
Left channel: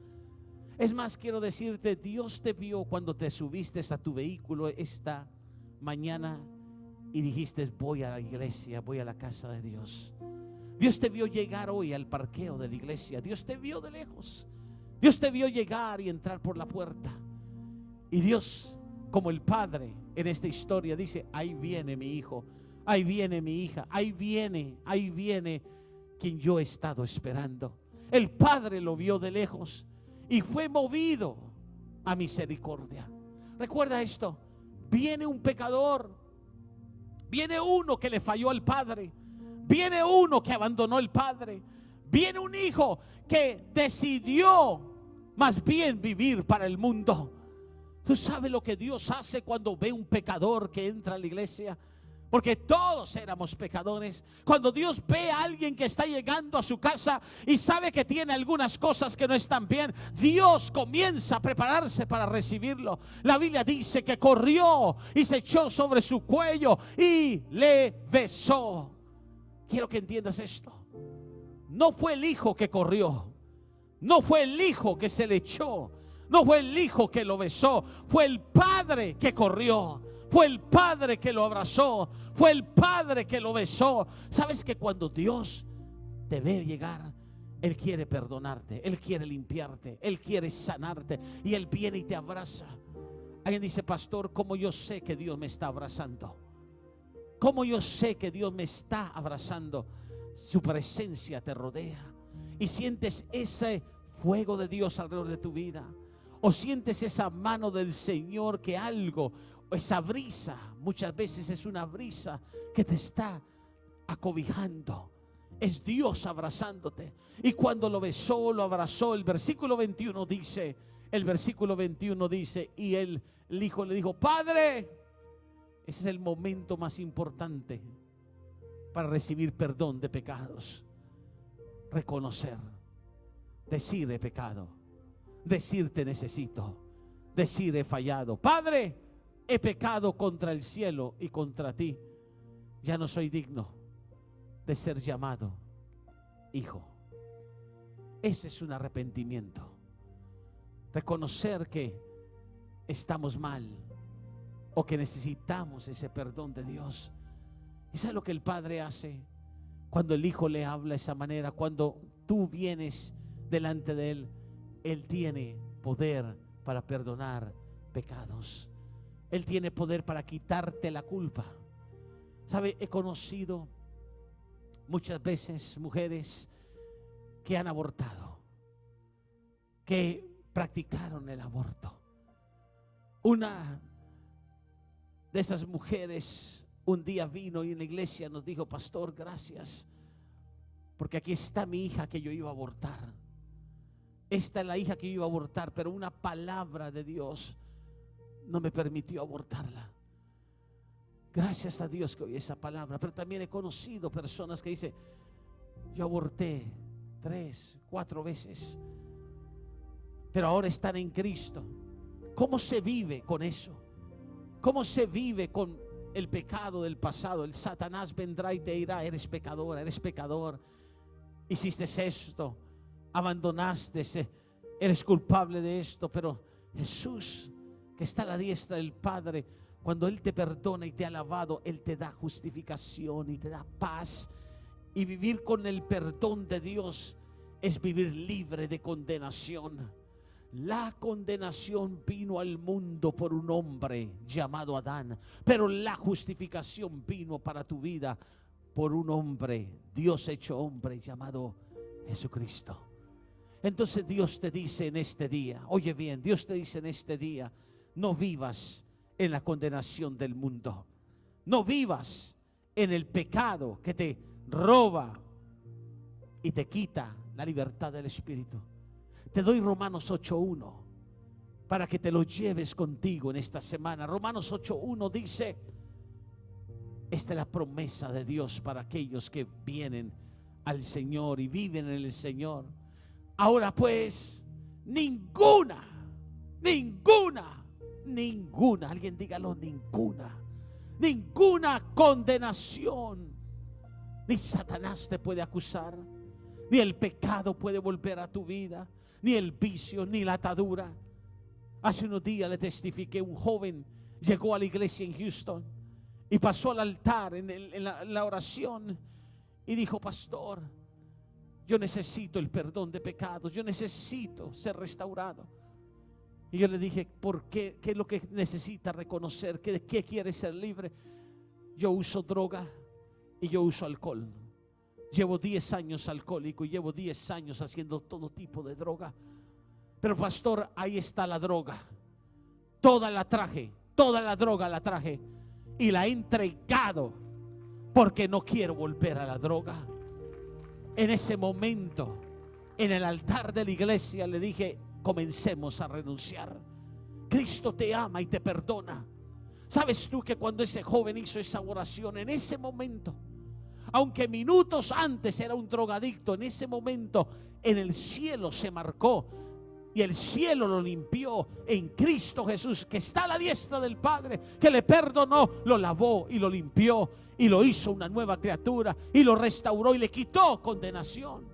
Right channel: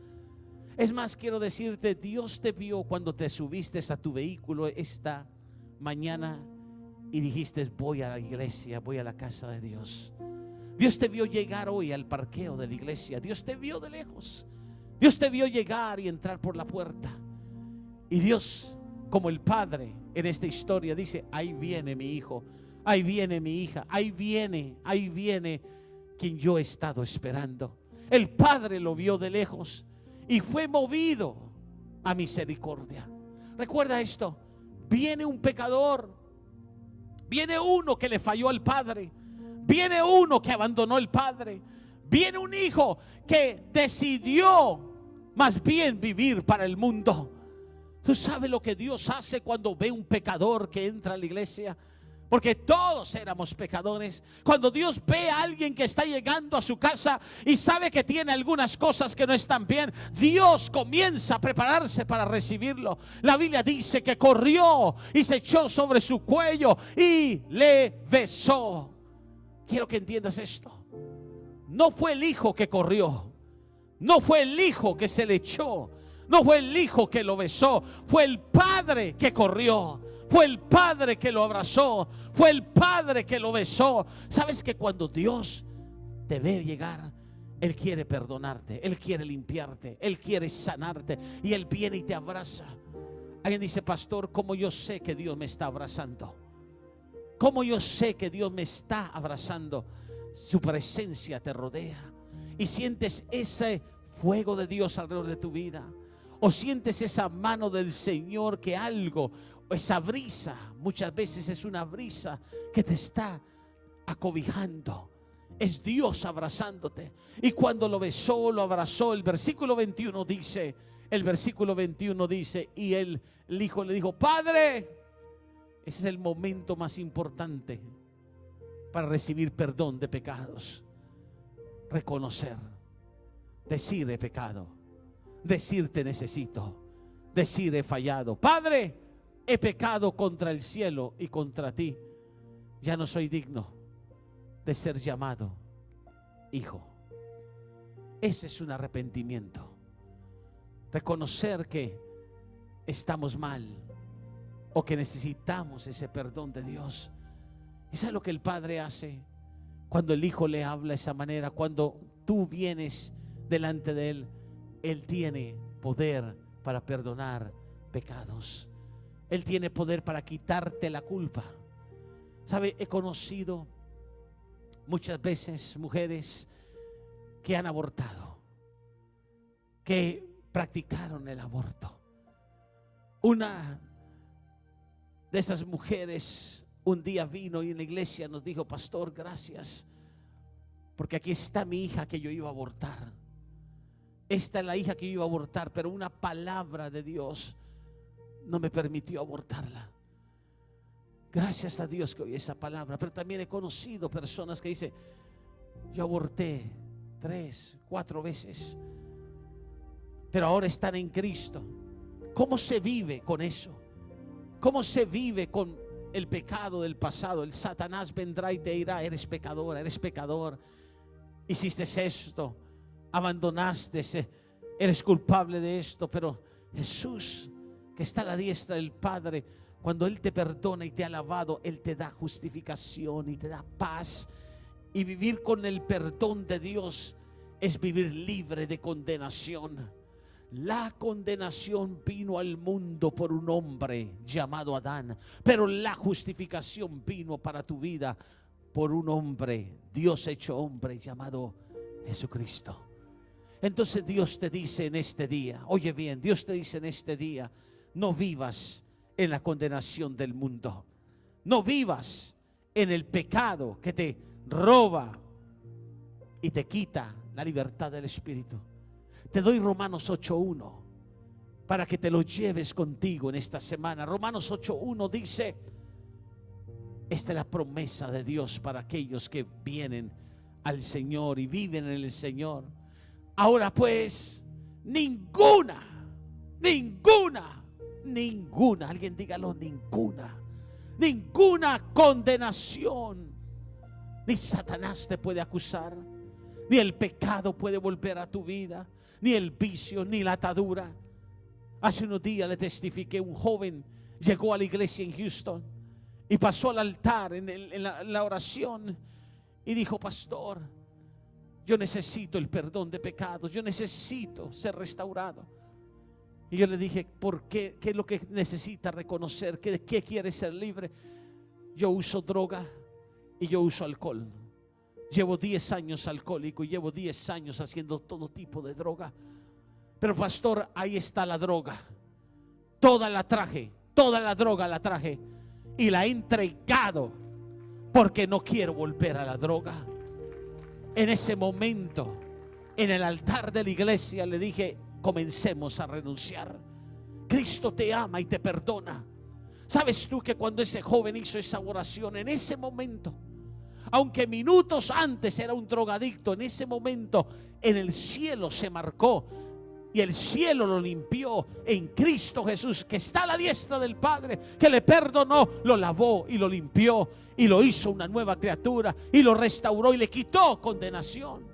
Es más, quiero decirte, Dios te vio cuando te subiste a tu vehículo esta mañana y dijiste: voy a la iglesia, voy a la casa de Dios. Dios te vio llegar hoy al parqueo de la iglesia. Dios te vio de lejos. Dios te vio llegar y entrar por la puerta. Y Dios, como el Padre en esta historia, dice: ahí viene mi hijo, ahí viene mi hija, ahí viene quien yo he estado esperando. El Padre lo vio de lejos y fue movido a misericordia. Recuerda esto: viene un pecador, Viene uno que le falló al padre. Viene uno que abandonó al padre. Viene un hijo que decidió más bien vivir para el mundo. ¿Tú sabes lo que Dios hace cuando ve un pecador que entra a la iglesia? Porque todos éramos pecadores. Cuando Dios ve a alguien que está llegando a su casa y sabe que tiene algunas cosas que no están bien, Dios comienza a prepararse para recibirlo. La Biblia dice que corrió y se echó sobre su cuello y le besó. Quiero que entiendas esto. No fue el hijo que corrió. No fue el hijo que se le echó. No fue el hijo que lo besó. Fue el padre que corrió. Fue el padre que lo abrazó. Fue el padre que lo besó. ¿Sabes que cuando Dios te ve llegar, Él quiere perdonarte, Él quiere limpiarte, Él quiere sanarte, y Él viene y te abraza? Alguien dice: pastor, ¿cómo yo sé que Dios me está abrazando? ¿Cómo yo sé que Dios me está abrazando? Su presencia te rodea y sientes ese fuego de Dios alrededor de tu vida, o sientes esa mano del Señor, que algo, esa brisa, muchas veces es una brisa que te está acobijando. Es Dios abrazándote. Y cuando lo besó, lo abrazó, el versículo 21 dice, y el hijo le dijo: Padre. Ese es el momento más importante para recibir perdón de pecados. Reconocer, decir: he pecado, decir: te necesito, decir: he fallado. Padre, he pecado contra el cielo y contra ti. Ya no soy digno de ser llamado hijo. Ese es un arrepentimiento. Reconocer que estamos mal o que necesitamos ese perdón de Dios. ¿Y sabes lo que el Padre hace cuando el Hijo le habla de esa manera? Cuando tú vienes delante de Él, Él tiene poder para perdonar pecados. Él tiene poder para quitarte la culpa. ¿Sabe? He conocido muchas veces mujeres que han abortado, que practicaron el aborto. Una de esas mujeres un día vino y en la iglesia nos dijo: pastor, gracias, porque aquí está mi hija que yo iba a abortar. Esta es la hija que yo iba a abortar, pero una palabra de Dios no me permitió abortarla. Gracias a Dios que oí esa palabra. Pero también he conocido personas que dicen: yo aborté 3, 4 veces, pero ahora están en Cristo. ¿Cómo se vive con eso? ¿Cómo se vive con el pecado del pasado? El Satanás vendrá y te dirá: eres pecador, eres pecador, hiciste esto, abandonaste, eres culpable de esto. Pero Jesús, que está a la diestra del Padre, cuando Él te perdona y te ha lavado, Él te da justificación y te da paz. Y vivir con el perdón de Dios es vivir libre de condenación. La condenación vino al mundo por un hombre llamado Adán, pero la justificación vino para tu vida por un hombre, Dios hecho hombre, llamado Jesucristo. Entonces Dios te dice en este día, oye bien, Dios te dice en este día: no vivas en la condenación del mundo. No vivas en el pecado que te roba y te quita la libertad del Espíritu. Te doy Romanos 8:1 para que te lo lleves contigo en esta semana. Romanos 8:1 dice: esta es la promesa de Dios para aquellos que vienen al Señor y viven en el Señor. Ahora pues, ninguna, alguien dígalo: ninguna condenación. Ni Satanás te puede acusar, ni el pecado puede volver a tu vida, ni el vicio, ni la atadura. Hace unos días le testifiqué: un joven llegó a la iglesia en Houston y pasó al altar en la oración y dijo: pastor, yo necesito el perdón de pecados, yo necesito ser restaurado. Y yo le dije: ¿por qué? ¿Qué es lo que necesita reconocer? ¿Qué quiere ser libre? Yo uso droga y yo uso alcohol. Llevo 10 años alcohólico y llevo 10 años haciendo todo tipo de droga. Pero pastor, ahí está la droga. Toda la droga la traje. y la he entregado porque no quiero volver a la droga. En ese momento, en el altar de la iglesia, le dije: comencemos a renunciar. Cristo te ama y te perdona. ¿Sabes tú que cuando ese joven hizo esa oración, en ese momento, aunque minutos antes era un drogadicto, en ese momento en el cielo se marcó y el cielo lo limpió en Cristo Jesús, que está a la diestra del Padre, que le perdonó, lo lavó y lo limpió y lo hizo una nueva criatura y lo restauró y le quitó condenación.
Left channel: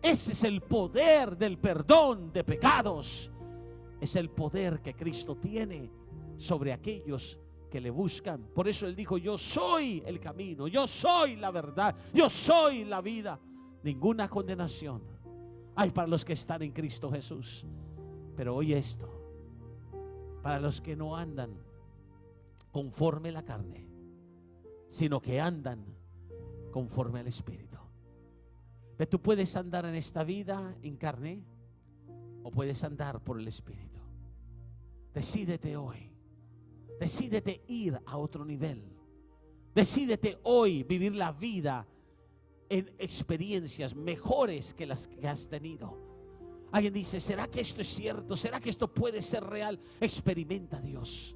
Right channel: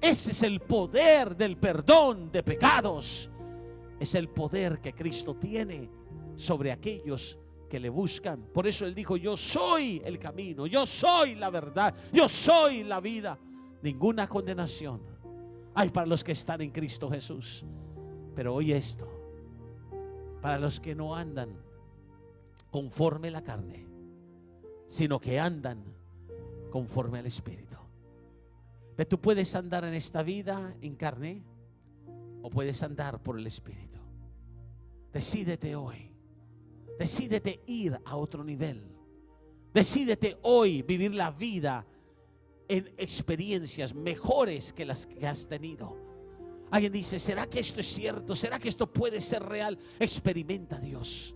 Ese es el poder del perdón de pecados. Es el poder que Cristo tiene sobre aquellos que le buscan. Por eso Él dijo: yo soy el camino, yo soy la verdad, yo soy la vida. Ninguna condenación hay para los que están en Cristo Jesús. Pero oye esto: para los que no andan conforme a la carne, sino que andan conforme al Espíritu. Pero tú puedes andar en esta vida en carne o puedes andar por el Espíritu. Decídete hoy. Decídete ir a otro nivel. Decídete hoy vivir la vida en experiencias mejores que las que has tenido. Alguien dice: ¿será que esto es cierto? ¿Será que esto puede ser real? Experimenta a Dios.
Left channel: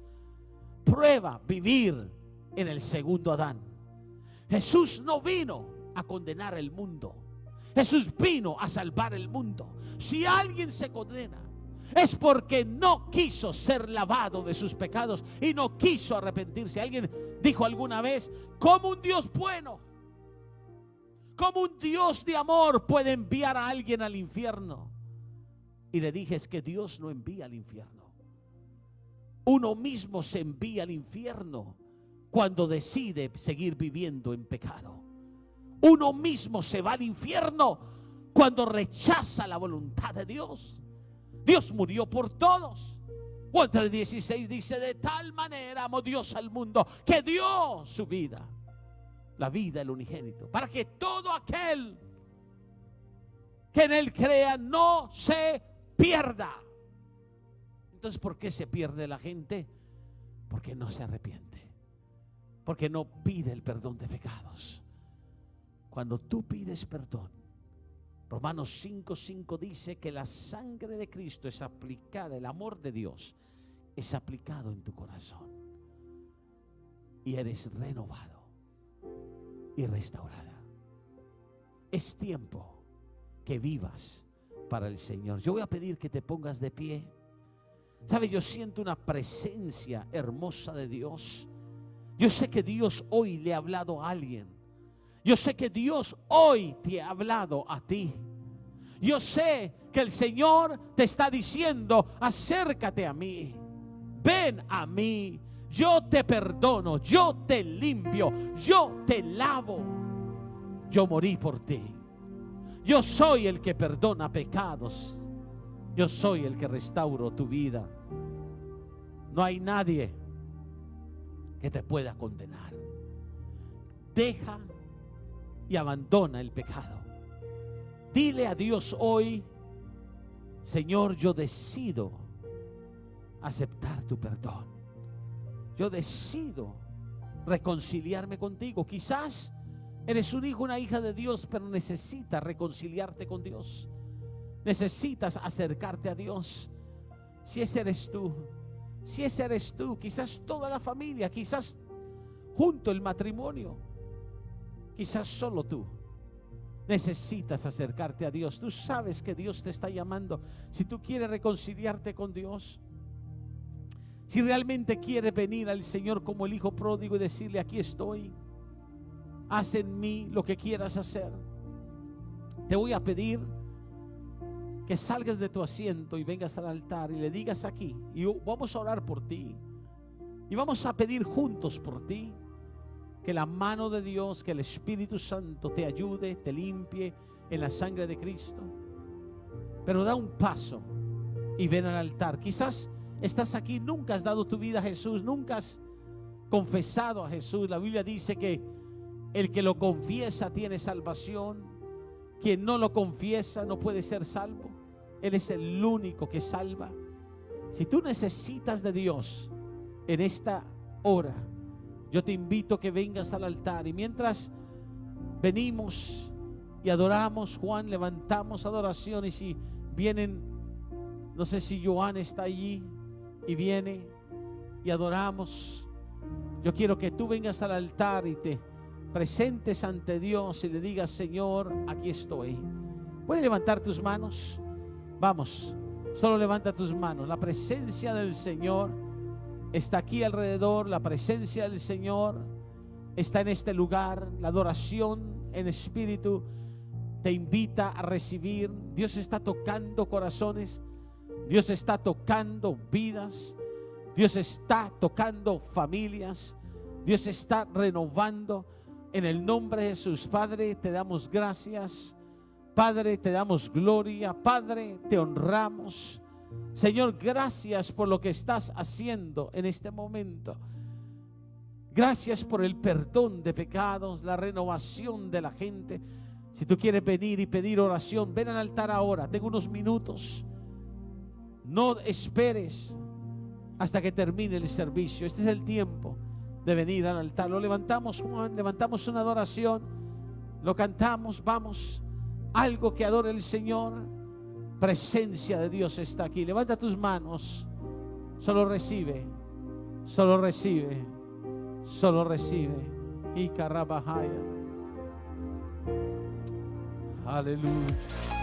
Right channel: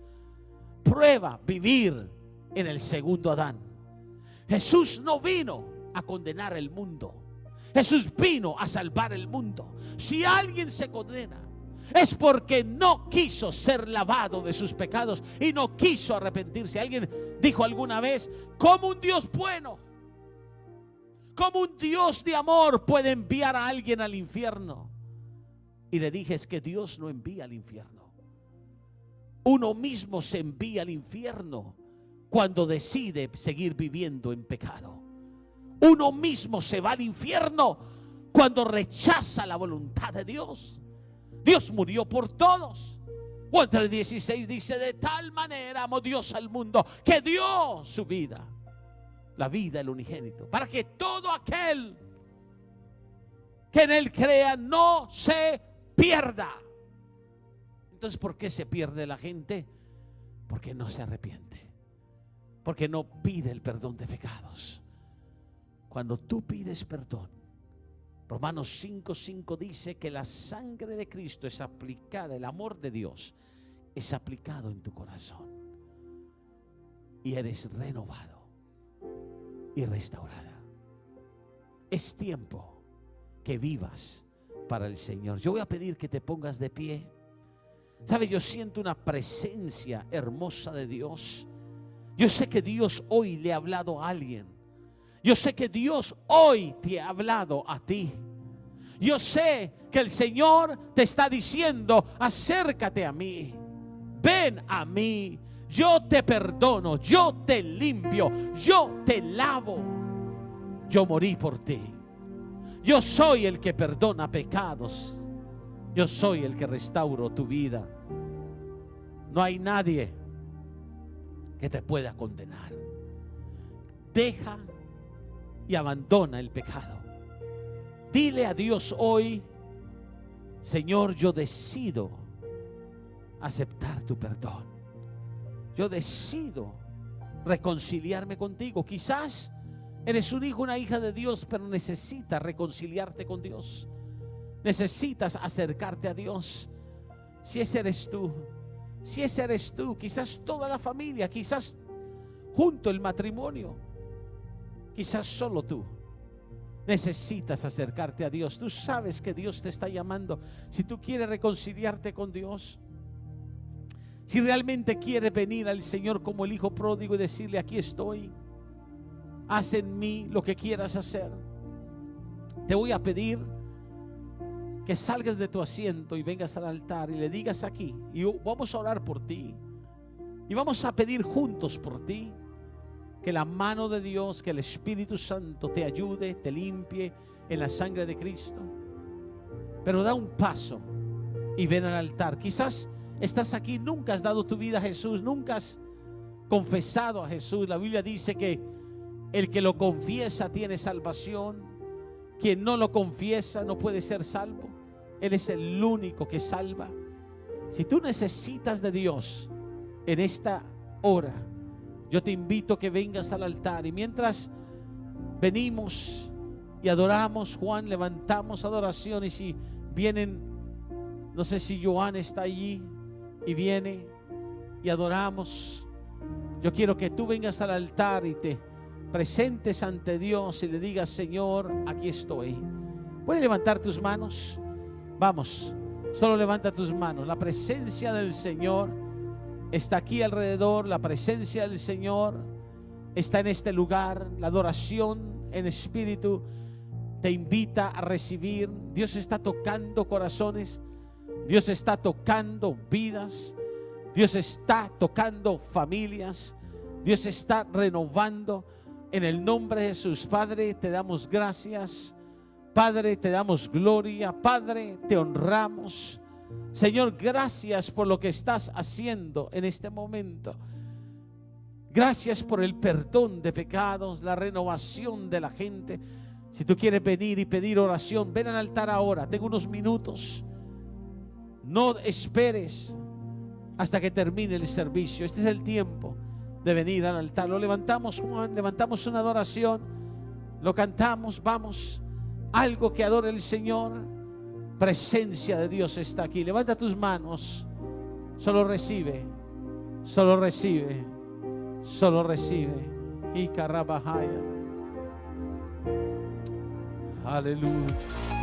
Prueba vivir en el segundo Adán. Jesús no vino a condenar el mundo. Jesús vino a salvar el mundo. Si alguien se condena, es porque no quiso ser lavado de sus pecados y no quiso arrepentirse. Alguien dijo alguna vez: ¿cómo un Dios bueno, cómo un Dios de amor puede enviar a alguien al infierno? Y le dije: es que Dios no envía al infierno. Uno mismo se envía al infierno cuando decide seguir viviendo en pecado. Uno mismo se va al infierno cuando rechaza la voluntad de Dios. Dios murió por todos. Juan 3:16 dice: de tal manera amó Dios al mundo que dio su vida, la vida del unigénito, para que todo aquel que en Él crea no se pierda. Entonces, ¿por qué se pierde la gente? Porque no se arrepiente, porque no pide el perdón de pecados. Cuando tú pides perdón, Romanos 5:5 dice que la sangre de Cristo es aplicada, el amor de Dios es aplicado en tu corazón y eres renovado y restaurada. Es tiempo que vivas para el Señor. Yo voy a pedir que te pongas de pie. ¿Sabe? Yo siento una presencia hermosa de Dios. Yo sé que Dios hoy le ha hablado a alguien. Yo sé que Dios hoy te ha hablado a ti. Yo sé que el Señor te está diciendo: acércate a mí, ven a mí, yo te perdono, yo te limpio, yo te lavo. Yo morí por ti. Yo soy el que perdona pecados. Yo soy el que restauro tu vida. No hay nadie que te pueda condenar. Deja y abandona el pecado. Dile a Dios hoy: Señor, yo decido aceptar tu perdón. Yo decido reconciliarme contigo. Quizás eres un hijo, una hija de Dios, pero necesitas reconciliarte con Dios. Necesitas acercarte a Dios. Si ese eres tú, si ese eres tú, quizás toda la familia, quizás junto el matrimonio, quizás solo tú necesitas acercarte a Dios. Tú sabes que Dios te está llamando. Si tú quieres reconciliarte con Dios, si realmente quieres venir al Señor como el hijo pródigo y decirle: aquí estoy, haz en mí lo que quieras hacer, te voy a pedir que salgas de tu asiento y vengas al altar y le digas aquí, y vamos a orar por ti y vamos a pedir juntos por ti, que la mano de Dios, que el Espíritu Santo te ayude, te limpie en la sangre de Cristo. Pero da un paso y ven al altar. Quizás estás aquí, nunca has dado tu vida a Jesús, nunca has confesado a Jesús. La Biblia dice que el que lo confiesa tiene salvación. Quien no lo confiesa no puede ser salvo. Él es el único que salva. Si tú necesitas de Dios en esta hora, yo te invito a que vengas al altar. Y mientras venimos y adoramos, Juan, levantamos adoración. Y si vienen, no sé si Joan está allí y viene y adoramos, yo quiero que tú vengas al altar y te presentes ante Dios y le digas: Señor, aquí estoy. ¿Puedes levantar tus manos? Vamos, solo levanta tus manos. La presencia del Señor está aquí alrededor. La presencia del Señor está en este lugar. La adoración en espíritu te invita a recibir. Dios está tocando corazones. Dios está tocando vidas. Dios está tocando familias. Dios está renovando. En el nombre de Jesús, Padre, te damos gracias. Padre, te damos gloria. Padre, te honramos. Señor, gracias por lo que estás haciendo en este momento. Gracias por el perdón de pecados, la renovación de la gente. Si tú quieres venir y pedir oración, ven al altar ahora. Tengo unos minutos. No esperes hasta que termine el servicio. Este es el tiempo de venir al altar. Lo levantamos, Juan, levantamos una adoración, lo cantamos, vamos, algo que adore el Señor. Presencia de Dios está aquí. Levanta tus manos, solo recibe, solo recibe, solo recibe. Y carabajaya. Aleluya.